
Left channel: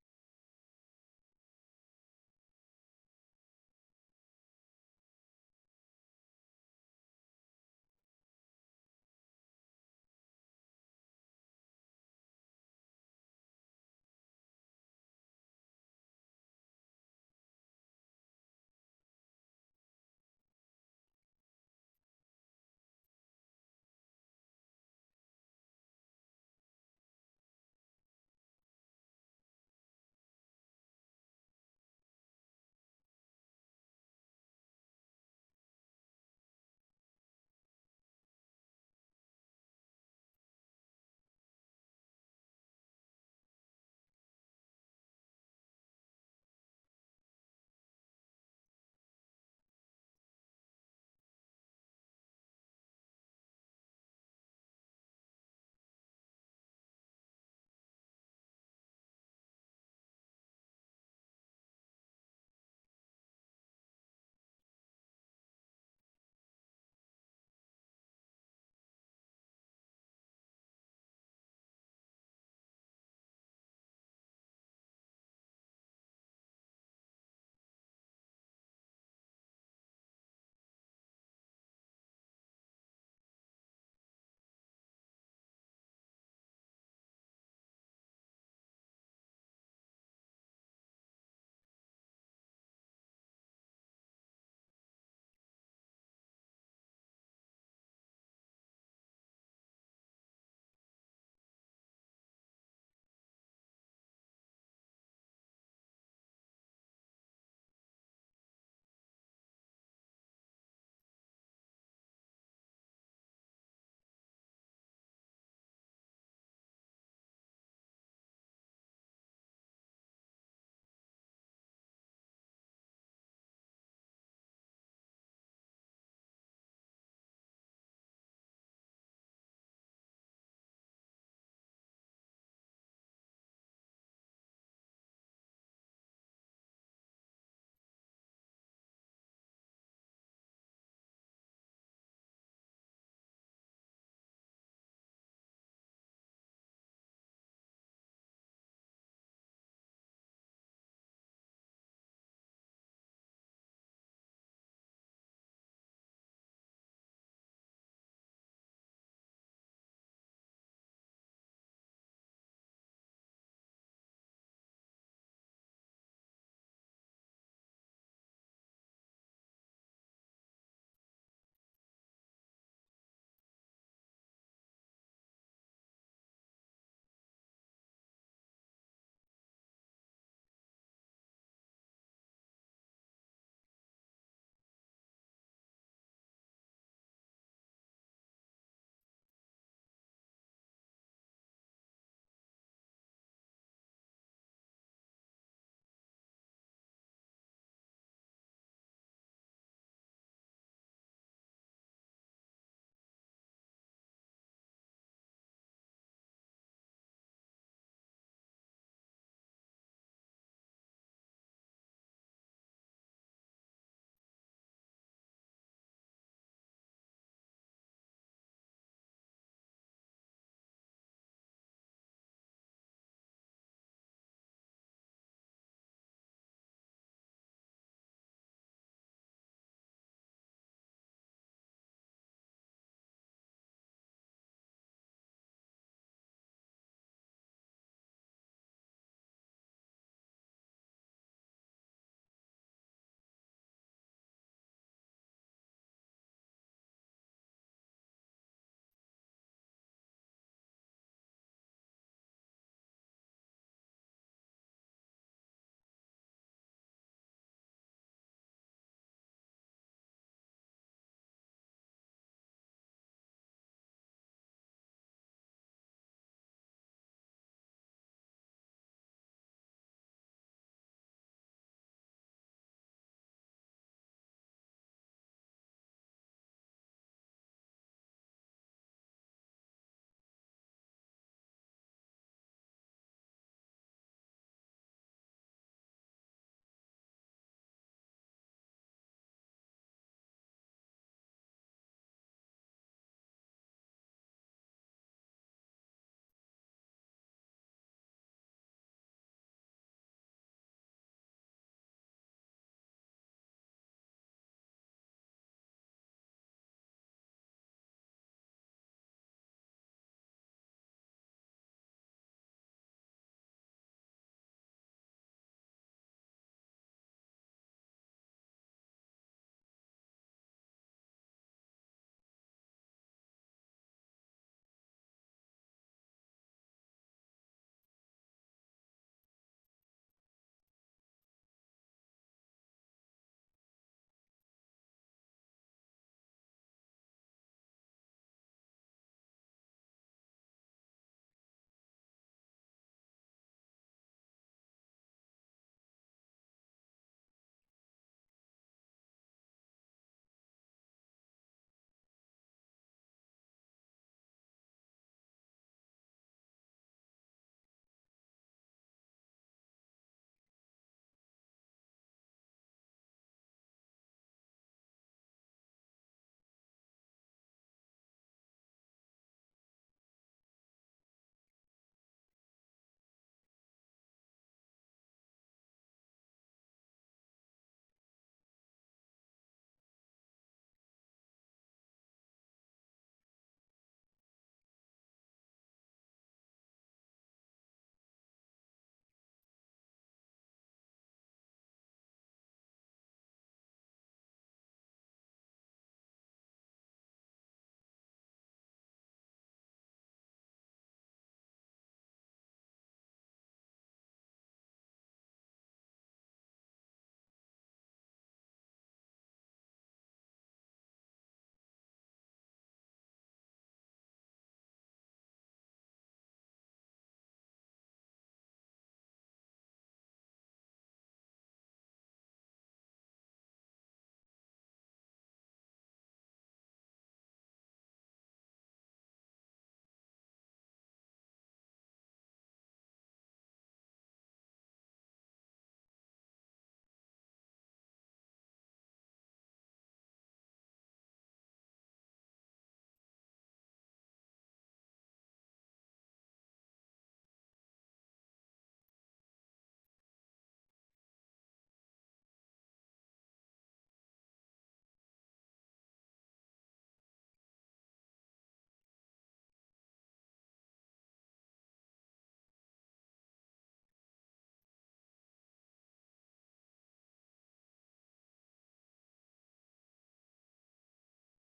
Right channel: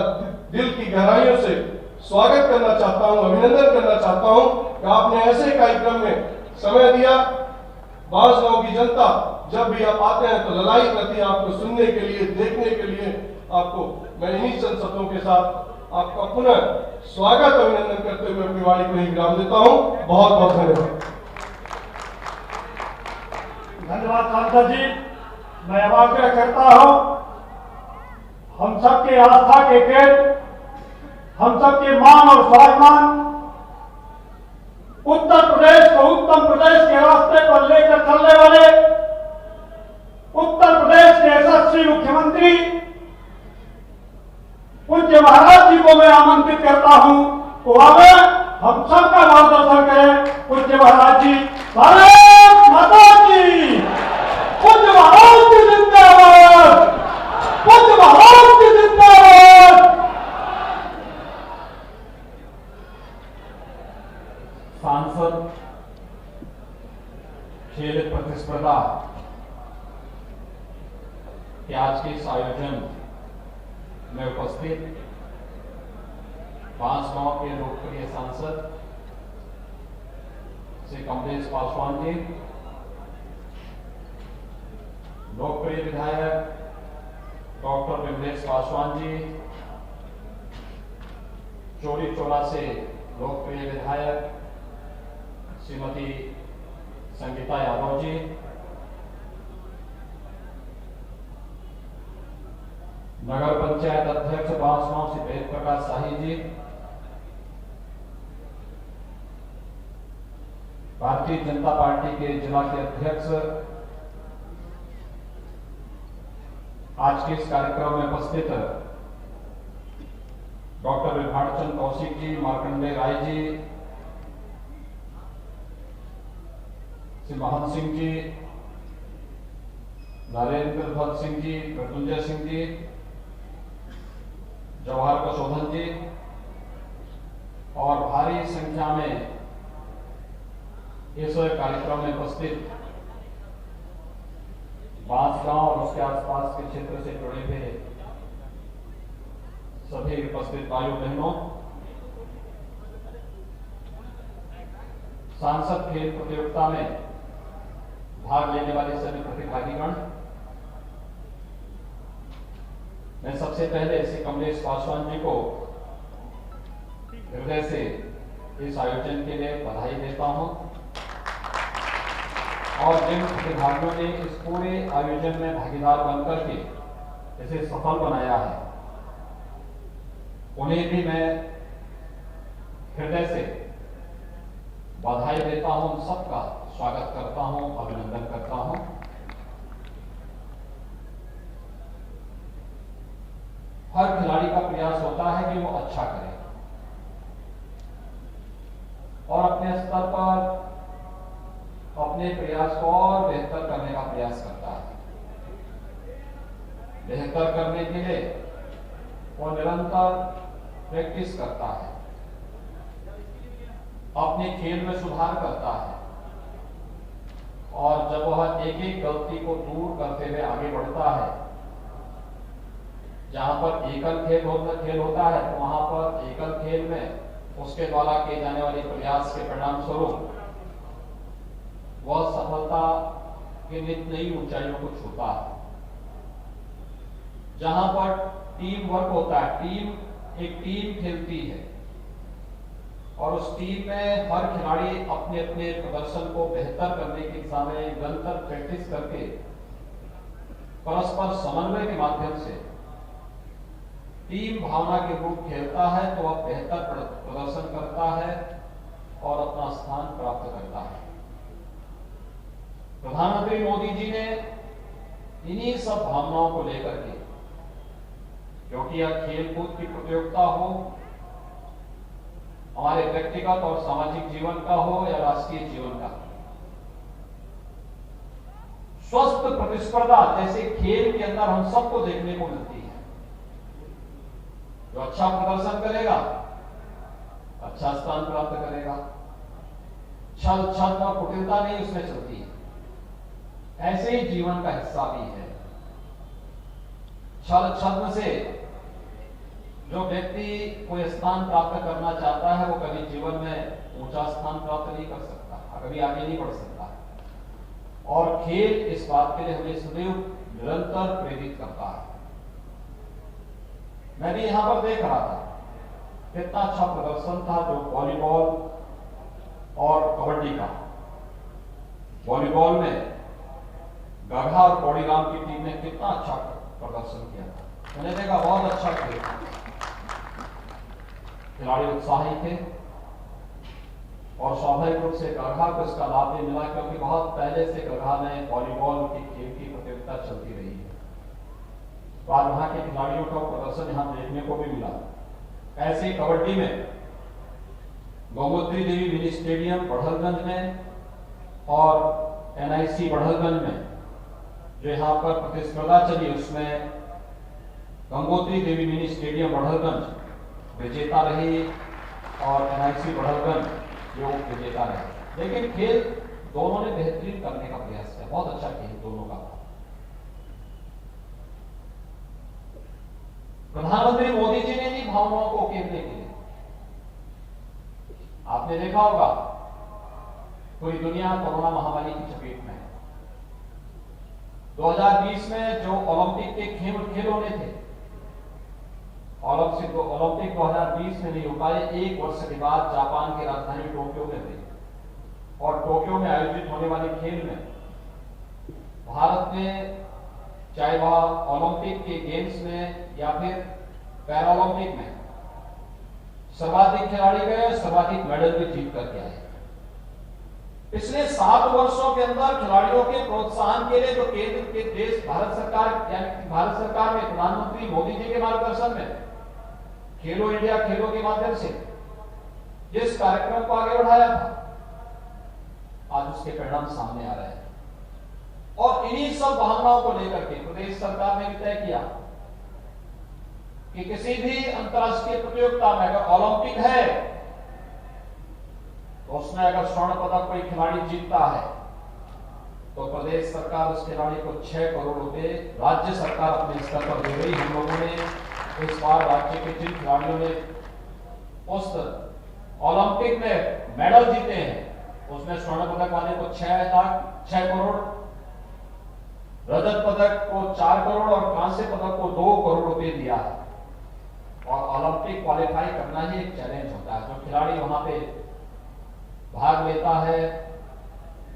दिल की गहराइयों से स्वागत करना चाहता हूं, अभिनंदन करना चाहता हूं कि आपने ऐसे कार्यक्रम में समय दिया। बांसगांव की जनता जब भी आप आते हैं तो ललाई करती है आपको सुनने के लिए, देखने के लिए। आपको मैं इन्हीं चंद शब्दों के साथ आपका पुनः स्वागत अभिनंदन करते हुए अपनी वाणी को ही विराम देता हूं। बहुत बहुत धन्यवाद। धन्यवाद सांसद जी। मैं अब आग्रह करता हूं, हम सबके आस्था के केंद्र, हम सबके मान और स्वाभिमान उत्तर प्रदेश को उत्तम प्रदेश के रास्ते पर करने वाले उत्तर प्रदेश के यशस्वी मुख्यमंत्री पूज्य महाराज जी को मैं आमंत्रित करता हूं, वो आवे हम सबका मार्गदर्शन करें। पूज्य महाराज जी, भारत माता की, पूज्य महाराज की जिंदाबाद, पूज्य महाराज की जिंदाबाद। सांसद खेल प्रतिस्पर्धा के आज के इस आयोजन में उपस्थित बांसगांव के लोकप्रिय सांसद श्री कमलेश पासवान जी, लोकप्रिय विधायक डॉक्टर विमलेश पासवान जी, चोरी चोला से लोकप्रिय विधायक श्रीमती संगीता यादव जी, नगर पंचायत अध्यक्ष बांसगांव से वेद प्रकाश शाही जी, भारतीय जनता पार्टी के जिला के अध्यक्ष, आज के इस कार्यक्रम में उपस्थित डॉक्टर विभाचंद कौशिक जी, मार्कंडेय राय जी, श्री महंत सिंह जी, नरेंद्र भट्ट सिंह जी, मृत्युंजय सिंह जी, जवाहर प्रशोधन जी और भारी संख्या में इस कार्यक्रम में उपस्थित बांसगांव और उसके आसपास के क्षेत्र से जुड़े हुए सभी उपस्थित भाइयों बहनों, सांसद खेल प्रतियोगिता में भाग लेने वाले सभी प्रतिभागीगण, मैं सबसे पहले श्री कमलेश पासवान जी को हृदय से इस आयोजन के लिए बधाई देता हूं और जिन प्रतिभागियों ने इस पूरे आयोजन में भागीदार बनकर के इसे सफल बनाया है, उन्हें भी मैं हृदय से बधाई देता हूं, सबका स्वागत करता हूं, अभिनंदन करता हूं। हर खिलाड़ी का प्रयास होता है कि वो अच्छा करे और अपने स्तर पर अपने प्रयास को और बेहतर करने का प्रयास करता है। बेहतर करने के लिए वो निरंतर प्रैक्टिस करता है, अपने खेल में सुधार करता है और जब वह एक एक गलती को दूर करते हुए आगे बढ़ता है, जहां पर एकल खेल होता है तो वहां पर एकल खेल में उसके द्वारा किए जाने वाले प्रयास के परिणाम स्वरूप वह सफलता के नित नई ऊंचाइयों को छूता है। जहां पर टीम वर्क होता है, एक टीम खेलती है और उस टीम में हर खिलाड़ी अपने अपने प्रदर्शन को बेहतर करने की दिशा में निरंतर प्रैक्टिस करके परस्पर समन्वय के माध्यम से टीम भावना के रूप खेलता है तो वह बेहतर प्रदर्शन करता है और अपना स्थान प्राप्त करता है। प्रधानमंत्री मोदी जी ने इन्हीं सब भावनाओं को लेकर के, क्योंकि यह खेलकूद की प्रतियोगिता हो, हमारे व्यक्तिगत और सामाजिक जीवन का हो या राष्ट्रीय जीवन का, स्वस्थ प्रतिस्पर्धा जैसे खेल के अंदर हम सबको देखने को मिलती है। जो अच्छा प्रदर्शन करेगा अच्छा स्थान प्राप्त करेगा, छल छद्म और कुटिलता नहीं उसमें चलती है। ऐसे ही जीवन का हिस्सा भी है। छल छद्म से जो व्यक्ति कोई स्थान प्राप्त करना चाहता है वो कभी जीवन में ऊंचा स्थान प्राप्त नहीं कर सकता, कभी आगे नहीं बढ़ सकता। और खेल इस बात के लिए हमें सदैव निरंतर प्रेरित करता है। मैं भी यहां पर देख रहा था कितना अच्छा प्रदर्शन था जो वॉलीबॉल और कबड्डी का। वॉलीबॉल में गढ़ा और कौड़ीराम की टीम ने कितना अच्छा प्रदर्शन किया था। मैंने देखा बहुत अच्छा खेल, खिलाड़ी उत्साही थे और स्वाभाविक रूप से गढ़ा को इसका लाभ भी मिला, क्योंकि बहुत पहले से गढ़ा में वॉलीबॉल की खेल की प्रतियोगिता चलती रही है। तो आज वहां के खिलाड़ियों का प्रदर्शन यहां देखने को भी मिला। ऐसे ही कबड्डी में गौमूत्री देवी मिनी स्टेडियम बढ़लगंज में और एनआईसी बढ़लगंज में जो यहाँ पर प्रतिस्पर्धा चली, उसमें गंगोत्री देवी मिनी स्टेडियम बढ़लगंज विजेता रही और एनआईसी बढ़लगंज जो विजेता रहे। लेकिन खेल दोनों ने बेहतरीन करने का प्रयास किया, बहुत अच्छा खेल दोनों का। प्रधानमंत्री मोदी जी ने भी भावनाओं को उकेरने के लिए, आपने देखा होगा पूरी दुनिया कोरोना महामारी की चपेट में है। 2020 में जो ओलंपिक के खेल होने थे, ओलंपिक 2020 में नहीं हो पाए। एक वर्ष के बाद जापान की राजधानी टोक्यो में थे और टोक्यो में आयोजित होने वाले खेल में भारत ने, चाहे वह ओलंपिक के गेम्स में या फिर पैरालंपिक में, सर्वाधिक खिलाड़ी गए, सर्वाधिक मेडल भी जीत करके आए। पिछले 7 वर्षों के अंदर खिलाड़ियों के प्रोत्साहन के लिए जो केंद्र के देश भारत सरकार यानी भारत सरकार में प्रधानमंत्री मोदी जी के मार्गदर्शन में खेलो इंडिया खेलों के माध्यम से जिस कार्यक्रम को आगे बढ़ाया था, आज उसके परिणाम सामने आ रहे हैं। और इन्हीं सब भावनाओं को लेकर के प्रदेश सरकार ने भी तय किया कि किसी भी अंतर्राष्ट्रीय प्रतियोगिता में अगर ओलंपिक है तो उसमें अगर स्वर्ण पदक कोई खिलाड़ी जीतता है तो प्रदेश सरकार उस खिलाड़ी को 6 करोड़ रुपए राज्य सरकार अपने स्तर पर दे रही। हम लोगों ने इस बार राज्य के जिन खिलाड़ियों ने उस ओलंपिक में मेडल जीते हैं उसमें स्वर्ण पदक वाले को 6 करोड़, रजत पदक को 4 करोड़ और कांस्य पदक को 2 करोड़ रुपए दिया है। और ओलंपिक क्वालिफाई करना ही एक चैलेंज होता है। जो खिलाड़ी वहां पे भाग लेता है,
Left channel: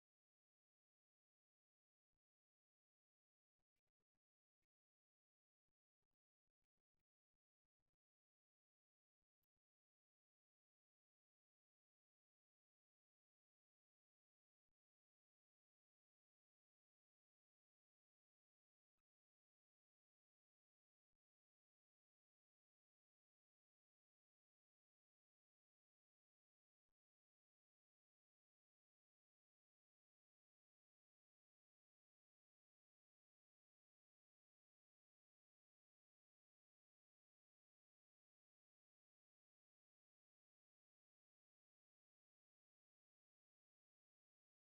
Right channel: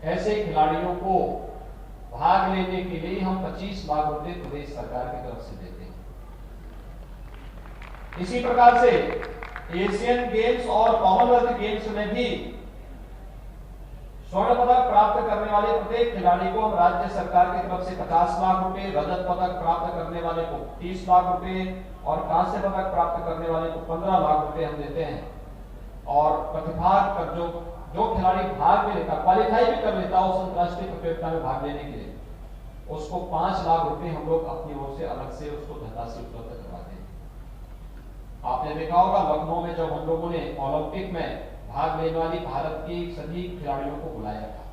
ऐसे खिलाड़ियों को भाग लेने के लिए हम 25 लाख रुपए प्रदेश सरकार की तरफ से देते हैं। इसी प्रकार से एशियन गेम्स और कॉमनवेल्थ गेम्स में भी स्वर्ण पदक प्राप्त करने वाले प्रत्येक खिलाड़ी को हम राज्य सरकार की तरफ से 50 लाख रुपए, रजत पदक प्राप्त करने वाले को 30 लाख रुपए और कांस्य पदक प्राप्त करने वाले को 15 लाख रुपए हम देते हैं। और प्रतिभाग कर जो खिलाड़ी भाग भी लेता, क्वालिफाई भी कर लेता उस अंतर्राष्ट्रीय प्रतियोगिता में भाग लेने के लिए, उसको 5 लाख रुपए हम लोग अपनी ओर से अलग से उसको धनराशि उपलब्ध करवाते हैं। आपने देखा होगा लखनऊ में जब हम लोगों ने ओलंपिक में भाग लेने वाली भारत की सभी खिलाड़ियों को बुलाया था,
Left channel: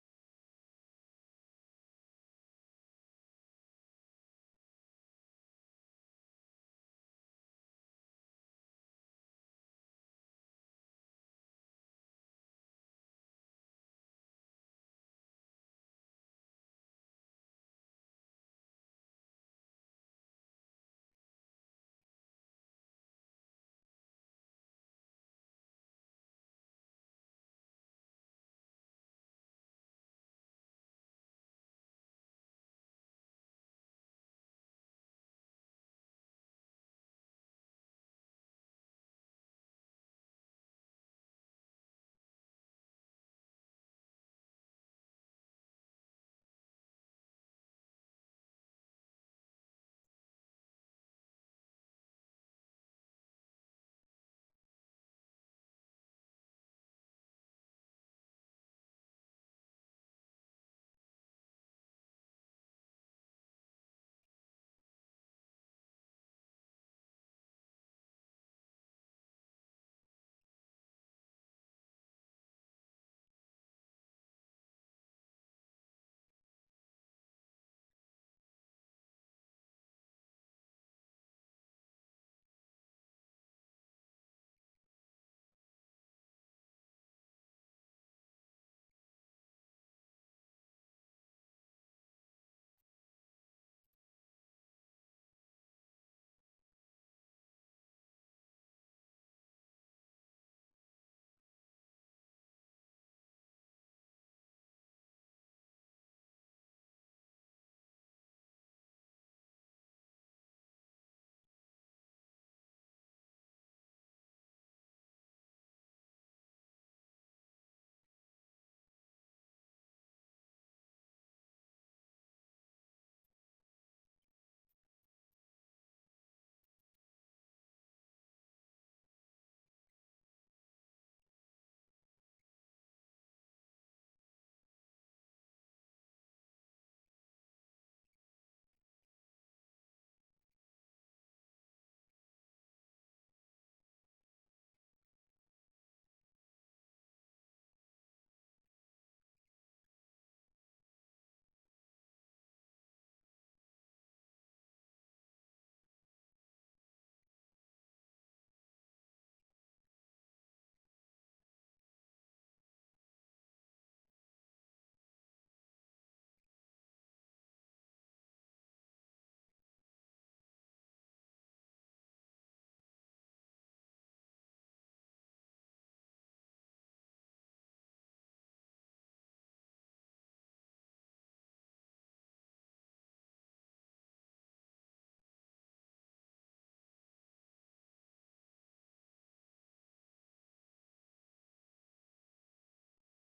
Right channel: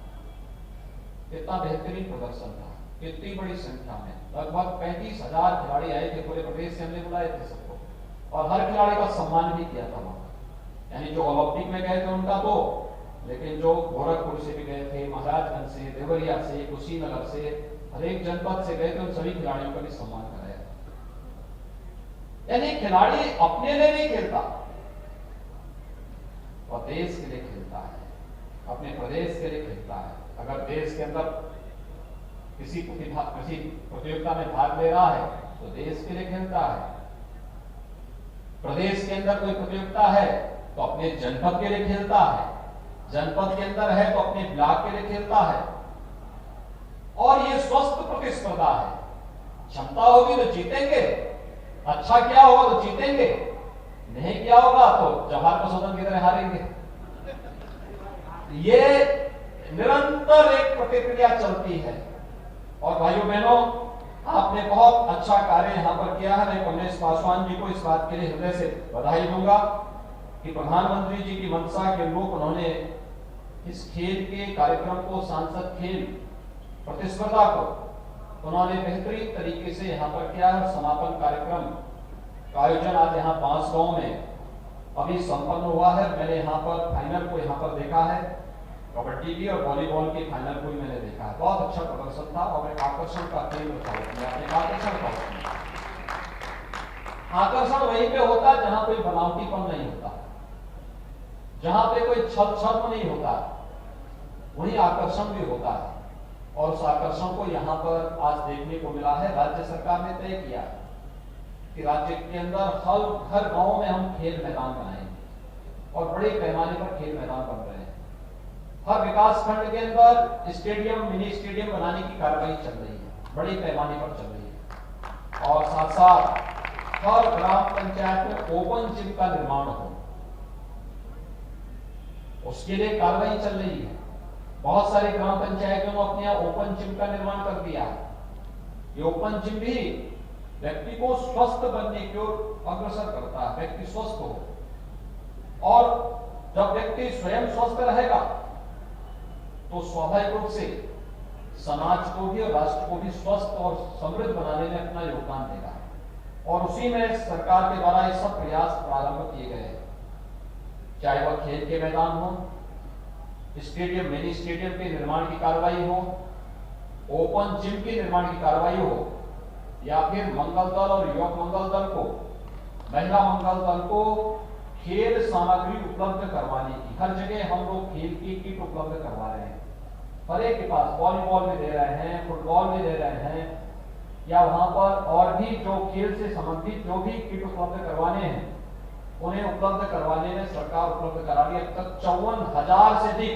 इतना बेहतरीन प्रदर्शन था, इतनी बड़ी संख्या में लगभग 35,000 खिलाड़ी आए थे। पूरे प्रदेश से हमने बुलाए थे सबको और हर खिलाड़ी का सम्मान भी किया था वहां। यानी जो ओलंपिक में गए थे उनका तो, लेकिन जो गोरखपुर से भी गए थे, महाराजगंज से, देवरिया से, कुशीनगर से, हर एक जनपद से गए थे, उन सभी खिलाड़ियों का भी सम्मान कराया। यानी खिलाड़ी अपने लिए नहीं खेलता और देश के लिए खेलता है, अपने प्रदेश के लिए खेलता है। अगर देश के अंदर किसी प्रतियोगिता में भाग ले रहा है तो देश के लिए खेलता है। प्रदेश के अंदर कोई प्रतियोगिता है तो अपने जनपद के लिए खेलता है, जनपद के अंदर है तो अपने ब्लॉक के लिए खेलता है। और ये स्वस्थ प्रतिस्पर्धा है। क्षमता होगी तो जीतेंगे, अच्छा क्या होगा तो जीतेंगे, नहीं किया होगा तो जवाहर प्रशोधन की तरह हारेंगे। ये निरंतर एक प्रतिक्रिया चलती है। और भाइयों बहनों, आपने बहुत अच्छा कार्य यहां पर किया है। मैं कमलेश पासवान जी को इस बात के लिए हृदय से बधाई दूंगा कि प्रधानमंत्री जी की मंशा के अनुरूप उन्होंने इस खेल के कार्यक्रम को, सांसद खेल प्रतिस्पर्धा को उन्होंने बेहतरीन तरीके से यहां पर किया है। समापन कार्यक्रम का आयोजन आज यहाँ बांसगांव में अभी संपन्न हुआ है। मैंने यहाँ पर फाइनल को यहाँ पर देखा है, कबड्डी की और वॉलीबॉल की फाइनल को भी मैंने देखा है। बहुत अच्छा प्रदर्शन था और एक आकर्षण का केंद्र था। आकर्षण वहीं पे होता है जहां कोई बनावटीपन नहीं होता, जहां पे कोई छद्म नहीं होता, वहीं आकर्षण भी होता है। और उस आकर्षण को यहाँ पर आज देखने को मिला है। राज्य सरकार ने तय किया कि राज्य के अंदर हर गांव में हम खेल मैदान बनाएंगे और बड़े पैमाने पर खेल मैदान बन रहे हैं। हर विकास खंड के अंदर स्टेडियम, मिनी स्टेडियम बनाने की कार्रवाई चल रही है, बड़ी पैमाने पर चल रही है। और साथ साथ हर ग्राम पंचायत में ओपन जिम का निर्माण हो, उसके लिए कार्रवाई चल रही है। बहुत सारी ग्राम पंचायतों ने अपने यहाँ ओपन जिम का निर्माण कर दिया है। ये ओपन जिम भी व्यक्ति को स्वस्थ बनने की ओर अग्रसर करता है, व्यक्ति स्वस्थ हो। और जब व्यक्ति स्वयं स्वस्थ रहेगा तो स्वाभाविक रूप से समाज को भी और राष्ट्र को भी स्वस्थ और समृद्ध बनाने में अपना योगदान देगा। और उसी में सरकार के द्वारा ये सब प्रयास प्रारंभ किए गए हैं, चाहे वह खेल के मैदान हो, स्टेडियम, मिनी स्टेडियम के निर्माण की कार्रवाई हो, ओपन जिम के निर्माण की कार्रवाई हो, या फिर मंगल दल और युवक मंगल दल को, महिला मंगल दल को खेल सामग्री उपलब्ध करवाने की। हर जगह हम लोग खेल की किट उपलब्ध करवा रहे हैं, हर एक के पास वॉलीबॉल में दे रहे हैं, फुटबॉल में दे रहे हैं, या वहां पर और भी जो खेल से संबंधित जो भी किट उपलब्ध करवाने हैं उन्हें उपलब्ध करवाने में सरकार उपलब्ध करा रही है। अब तक 54,000 से अधिक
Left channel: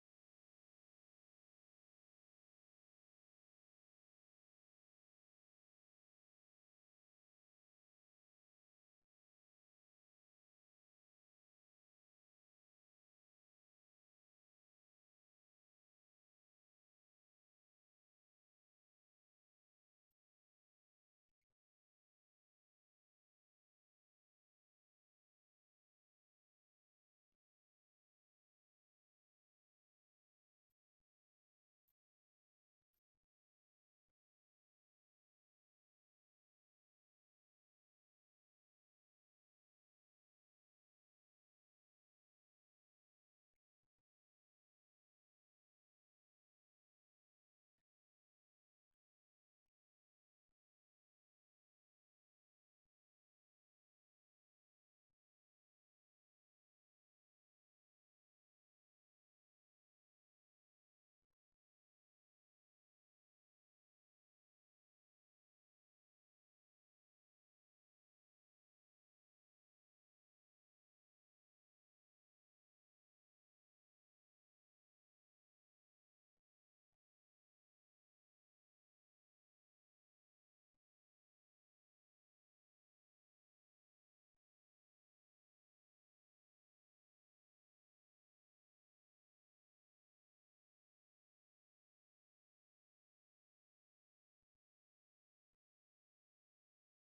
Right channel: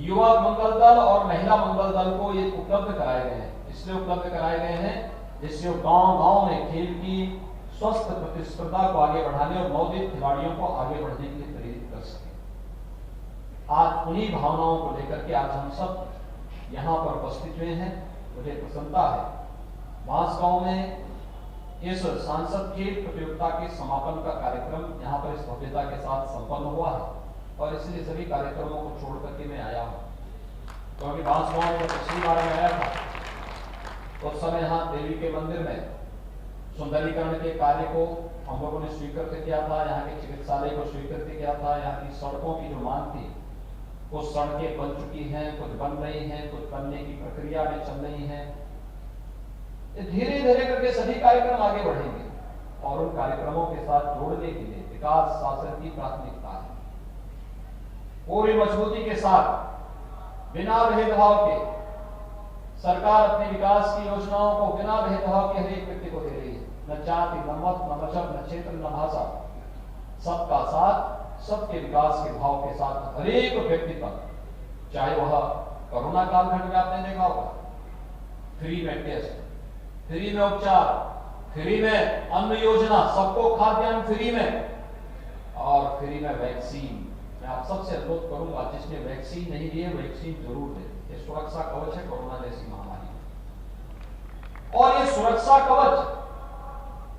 युवा मंगल दल और महिला मंगल दल को ये उपलब्ध कराए गए हैं। इसलिए उपलब्ध कराए गए हैं जिससे गांव-गांव में खेल की स्वस्थ प्रतिस्पर्धा को आगे बढ़ाने और नवोदित खिलाड़ियों को आगे बढ़ने के लिए प्रेरित कर सके। आज उन्हीं भावनाओं को लेकर के आज हम सब यहाँ पर उपस्थित हुए हैं। मुझे प्रसन्नता है, बांसगांव में इस सांसद खेल प्रतियोगिता के समापन का कार्यक्रम यहाँ पर इस भव्यता के साथ संपन्न हुआ है, और इसलिए सभी कार्यक्रमों को छोड़ करके मैं आया हूँ। क्योंकि बांसगांव में पिछली बार मैं आया था तो उस समय यहाँ देवी के मंदिर में सुंदरीकरण के कार्य को हम लोगों ने स्वीकृत किया था, यहाँ के चिकित्सालय को स्वीकृत किया था, यहाँ की सड़कों की जो मांग थी कुछ सड़कें बन चुकी हैं, कुछ बन रही हैं, कुछ बनने की प्रक्रिया में चल रही हैं। धीरे धीरे करके सभी कार्यक्रम आगे बढ़ेंगे और उन कार्यक्रमों के साथ जोड़ने के लिए विकास शासन की प्राथमिकता है। पूरी मजबूती के साथ बिना भेदभाव के सरकार अपने विकास की योजनाओं को बिना भेदभाव के हर एक व्यक्ति को दे रही है। न जाति, न मत, न मजहब, न क्षेत्र, न भाषा, सबका साथ, सबके विकास के भाव के साथ हर एक व्यक्ति तक, चाहे वह कोरोना कालखंड में आपने देखा होगा, फ्री में टेस्ट, फ्री में उपचार, फ्री में अन्न योजना, सबको खाद्यान्न फ्री में, और फ्री में वैक्सीन। मैं आप सबसे अनुरोध करूंगा जिसने वैक्सीन नहीं ली है वैक्सीन जरूर ले। ये सुरक्षा कवच है कोरोना जैसी महामारी। और ये सुरक्षा कवच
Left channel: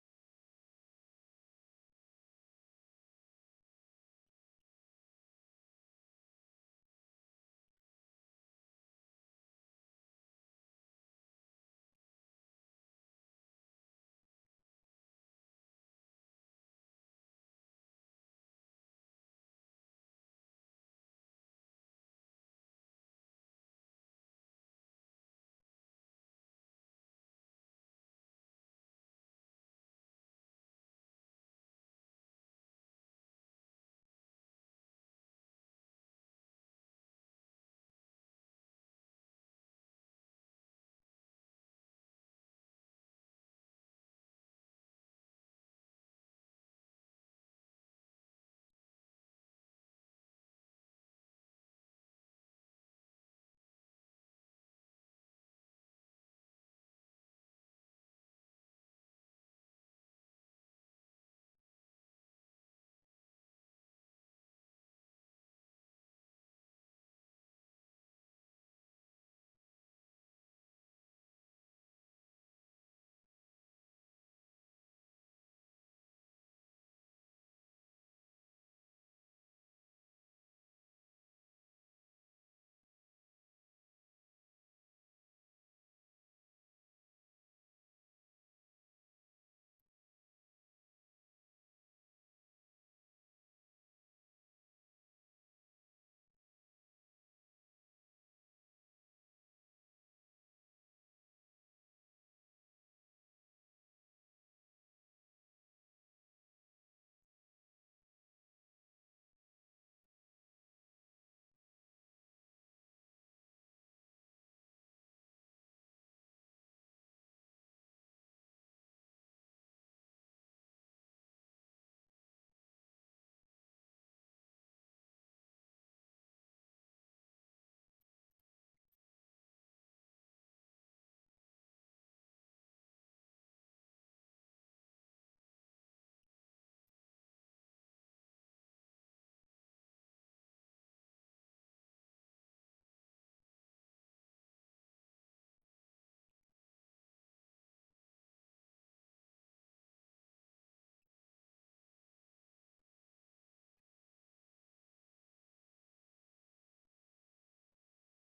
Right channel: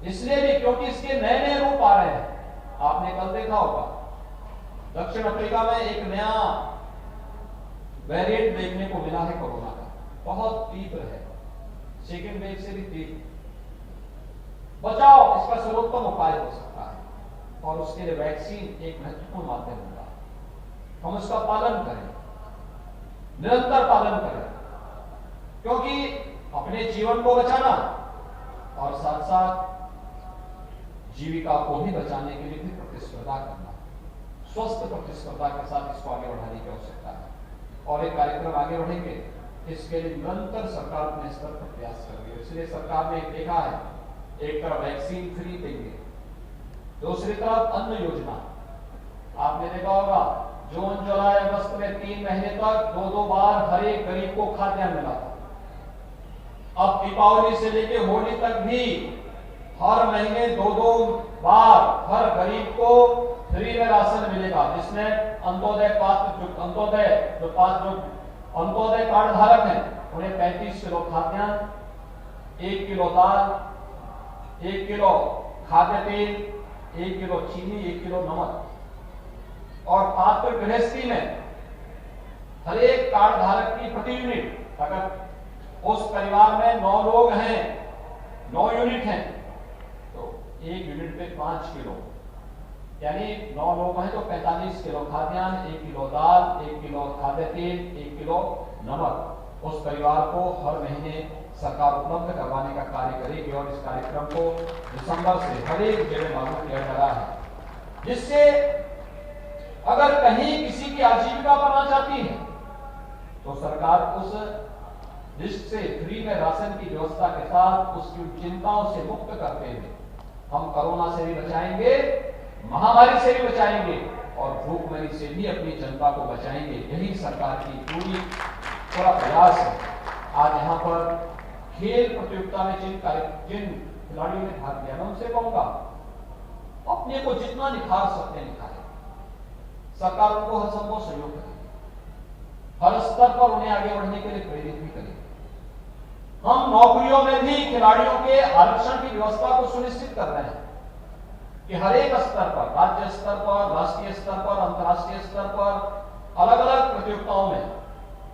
इसलिए भी क्योंकि इसके नए नए रूप आ रहे हैं। आपने कल देखा होगा दक्षिण अफ्रीका में एक नया वेरिएंट देखने को मिला है कोरोना का, बहुत तीव्र है, सेकेंड वेव से भी तीव्र। बचाव इसका सर्वोत्तम उपाय हो सकता है और उसके लिए वैक्सीन एक महत्वपूर्ण माध्यम होगा। हम उसका पालन करें, निरंतर पालन करें, क्योंकि अपने जीवन को बचाना और साथ साथ जीविका को भी बचाने के लिए भी प्रतिस्पर्धा करना, स्वस्थ प्रतिस्पर्धा के साथ इसको आगे बढ़ाने की आवश्यकता है। और एक कार्यक्रम आगे बढ़ेंगे, इसके लिए निरंतर सरकार अपने स्तर पर प्रयास कर रही है। इसलिए सरकार ने देखा है, एक तरफ वैक्सीन फ्री देंगे, दूसरी तरफ अन्न योजना। आपने देखा होगा जून, जुलाई, अगस्त में 3 महीने तक 2-2 बार हर एक गरीब को खाद्यान्न मिला था। अब दीपावली से लेकर होली तक भी हर महीने 2-2 बार हर गरीब को फ्री में राशन मिलेगा, जिसमें अंत्योदय कार्ड धारक हैं उन्हें 35 किलो खाद्यान्न, 1 किलो दाल, 1 किलो खाद्य तेल, 1 किलो चीनी, 1 किलो नमक। और पात्र गृहस्थी में हर एक कार्ड धारक की प्रति यूनिट, अगर उस परिवार में 9 लोग हैं, 9 यूनिट हैं, तो 1 यूनिट पे 5 किलो, यानी 9 लोग हैं तो 45 किलो खाद्यान्न, 1 किलो दाल, 1 किलो खाद्य तेल, 1 किलो नमक उस परिवार को हर महीने सरकार उपलब्ध करवाने का कार्य करेगी। और इस कार्यक्रम को दिसंबर से हर एक जगह लागू किया जा रहा है, जिससे अगर कहीं किसी की आजीविका बनना चाहती है तो सरकार उस लिस्ट से फ्री में राशन की व्यवस्था के साथ उसकी चिंताओं से मुक्त करते हुए हम कोरोना से भी बचाएंगे, महामारी से भी बचाएंगे और भूखमरी से भी अपनी जनता को बचाएंगे। यही सरकार की पूरा प्रयास है। आज यहाँ पर खेल प्रतियोगिता में जिन खिलाड़ियों ने भाग लिया, मैं उनसे कहूंगा अपने को जितना निखार सकते निखारें। सरकार उनको हर संभव सहयोग करेगी, हर स्तर पर उन्हें आगे बढ़ने के लिए प्रेरित भी करेगी। हम नौकरियों में भी खिलाड़ियों के आरक्षण की व्यवस्था को सुनिश्चित कर रहे हैं कि हर एक स्तर पर, राज्य स्तर पर, राष्ट्रीय स्तर पर, अंतर्राष्ट्रीय स्तर पर, अलग अलग प्रतियोगिताओं में,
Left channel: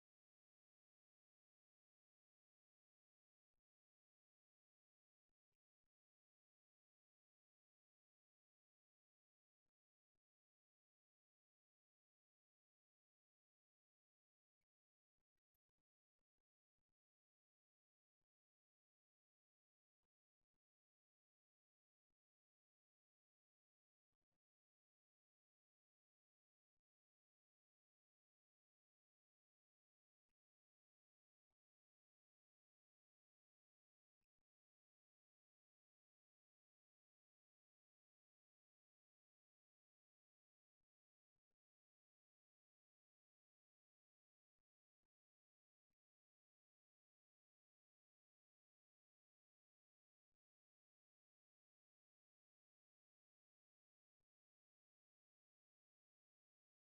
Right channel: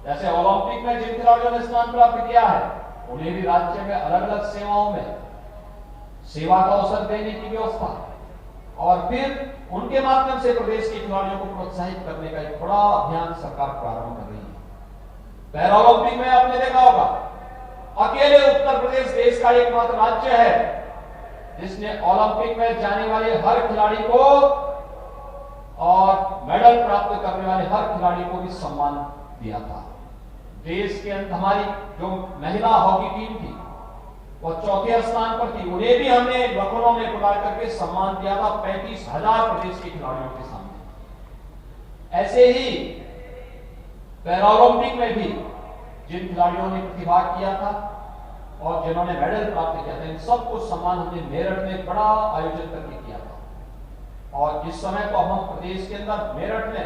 जैसे ओलंपिक में जिन खिलाड़ियों ने स्थान प्राप्त किया है उन्हें भी राज्य में अलग अलग सेवाओं में सेवा का अवसर देने की व्यवस्था, और फिर उनके माध्यम से प्रदेश के खिलाड़ियों को प्रोत्साहित करने का एक बड़ा अभियान सरकार प्रारंभ कर रही है। पैरा ओलंपिक में आपने देखा होगा, अकेले उत्तर प्रदेश देश का एकमात्र राज्य है जिसने ओलंपिक में जाने वाले हर खिलाड़ी को और मेडल प्राप्त करने वाले हर खिलाड़ी को भी सम्मान दिया था। देश के अंत हमारी जो महिला हॉकी टीम थी वो चौथे स्थान पर थी, उन्हें भी हमने लखनऊ में बुला करके सम्मान दिया था 35,000 प्रदेश के खिलाड़ियों के सामने। ऐसे ही पैरा ओलंपिक में भी जिन खिलाड़ियों ने प्रतिभाग किया था और जिन्होंने मेडल प्राप्त किया था, इन सबको सम्मान हमने मेरठ में बड़ा आयोजन करके किया था। और इस समय तो हम प्रदेश के अंदर मेरठ में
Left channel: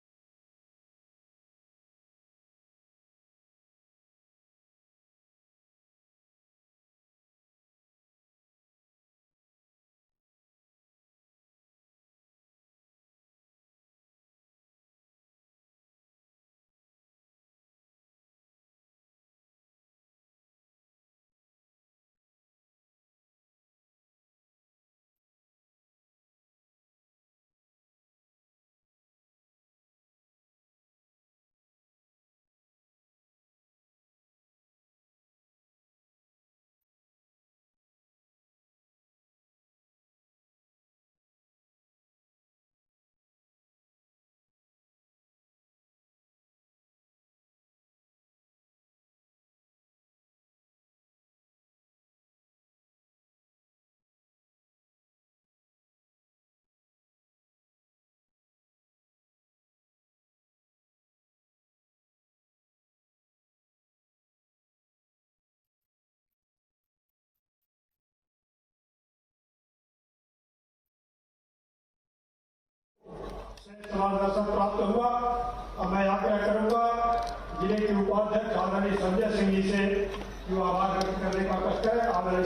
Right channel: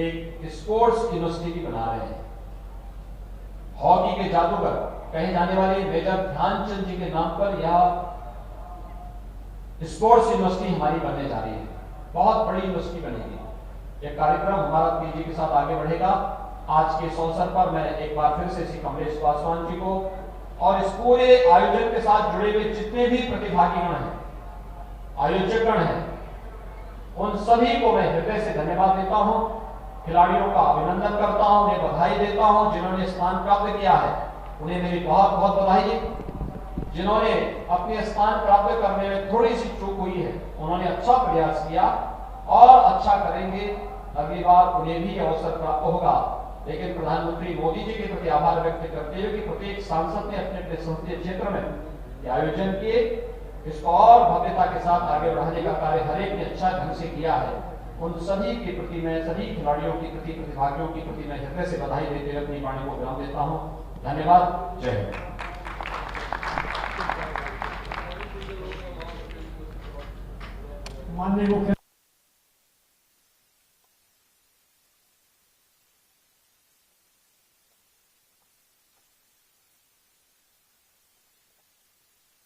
एक स्पोर्ट्स यूनिवर्सिटी भी बना रहे हैं। हॉकी के जादूगर कहे जाने वाले मेजर ध्यानचंद जी के नाम पर यह स्पोर्ट्स यूनिवर्सिटी हमारी बनने जा रही है। बहुत बड़ी यूनिवर्सिटी बनेगी। यह कार्यक्रम हमारा तेजी के साथ आगे बढ़ेगा। आज के इस अवसर पर मैं एक बार फिर से श्री कमलेश पासवान जी को और इस पूरे आयोजन के साथ जुड़े हुए जितने भी प्रतिभागीगण हैं, आयोजकगण हैं, उन सभी को मैं हृदय से धन्यवाद देता हूं, खिलाड़ियों का अभिनंदन करता हूं, उन्हें बधाई देता हूं। जिन्होंने स्थान प्राप्त किया है उन्हें मेरी बहुत बहुत बधाई। जिन्होंने अपने स्थान प्राप्त करने में थोड़ी सी चूक हुई है उन्होंने अच्छा प्रयास किया और अच्छा करेंगे, अगली बार उन्हें भी अवसर प्राप्त होगा। लेकिन प्रधानमंत्री मोदी जी के प्रति आभार व्यक्त करते हुए कि प्रत्येक सांसद ने अपने अपने संसदीय क्षेत्र में आयोजन किए, इसको और भव्यता के साथ आगे बढ़ाने का कार्य हर एक ने अच्छा ढंग से किया है। उन सभी के प्रति मैं, सभी खिलाड़ियों के प्रति, प्रतिभागियों के प्रति मैं हृदय से बधाई देते हुए अपनी वाणी को विराम देता हूं। धन्यवाद। जय हिंद। माननीय मुख्य दर्शन प्राप्त हुआ और मैं आग्रह करूंगा जिले के उपाध्यक्ष आदरणीय संजय सिंह जी से जो आभार व्यक्त करने का कष्ट है। आदरणीय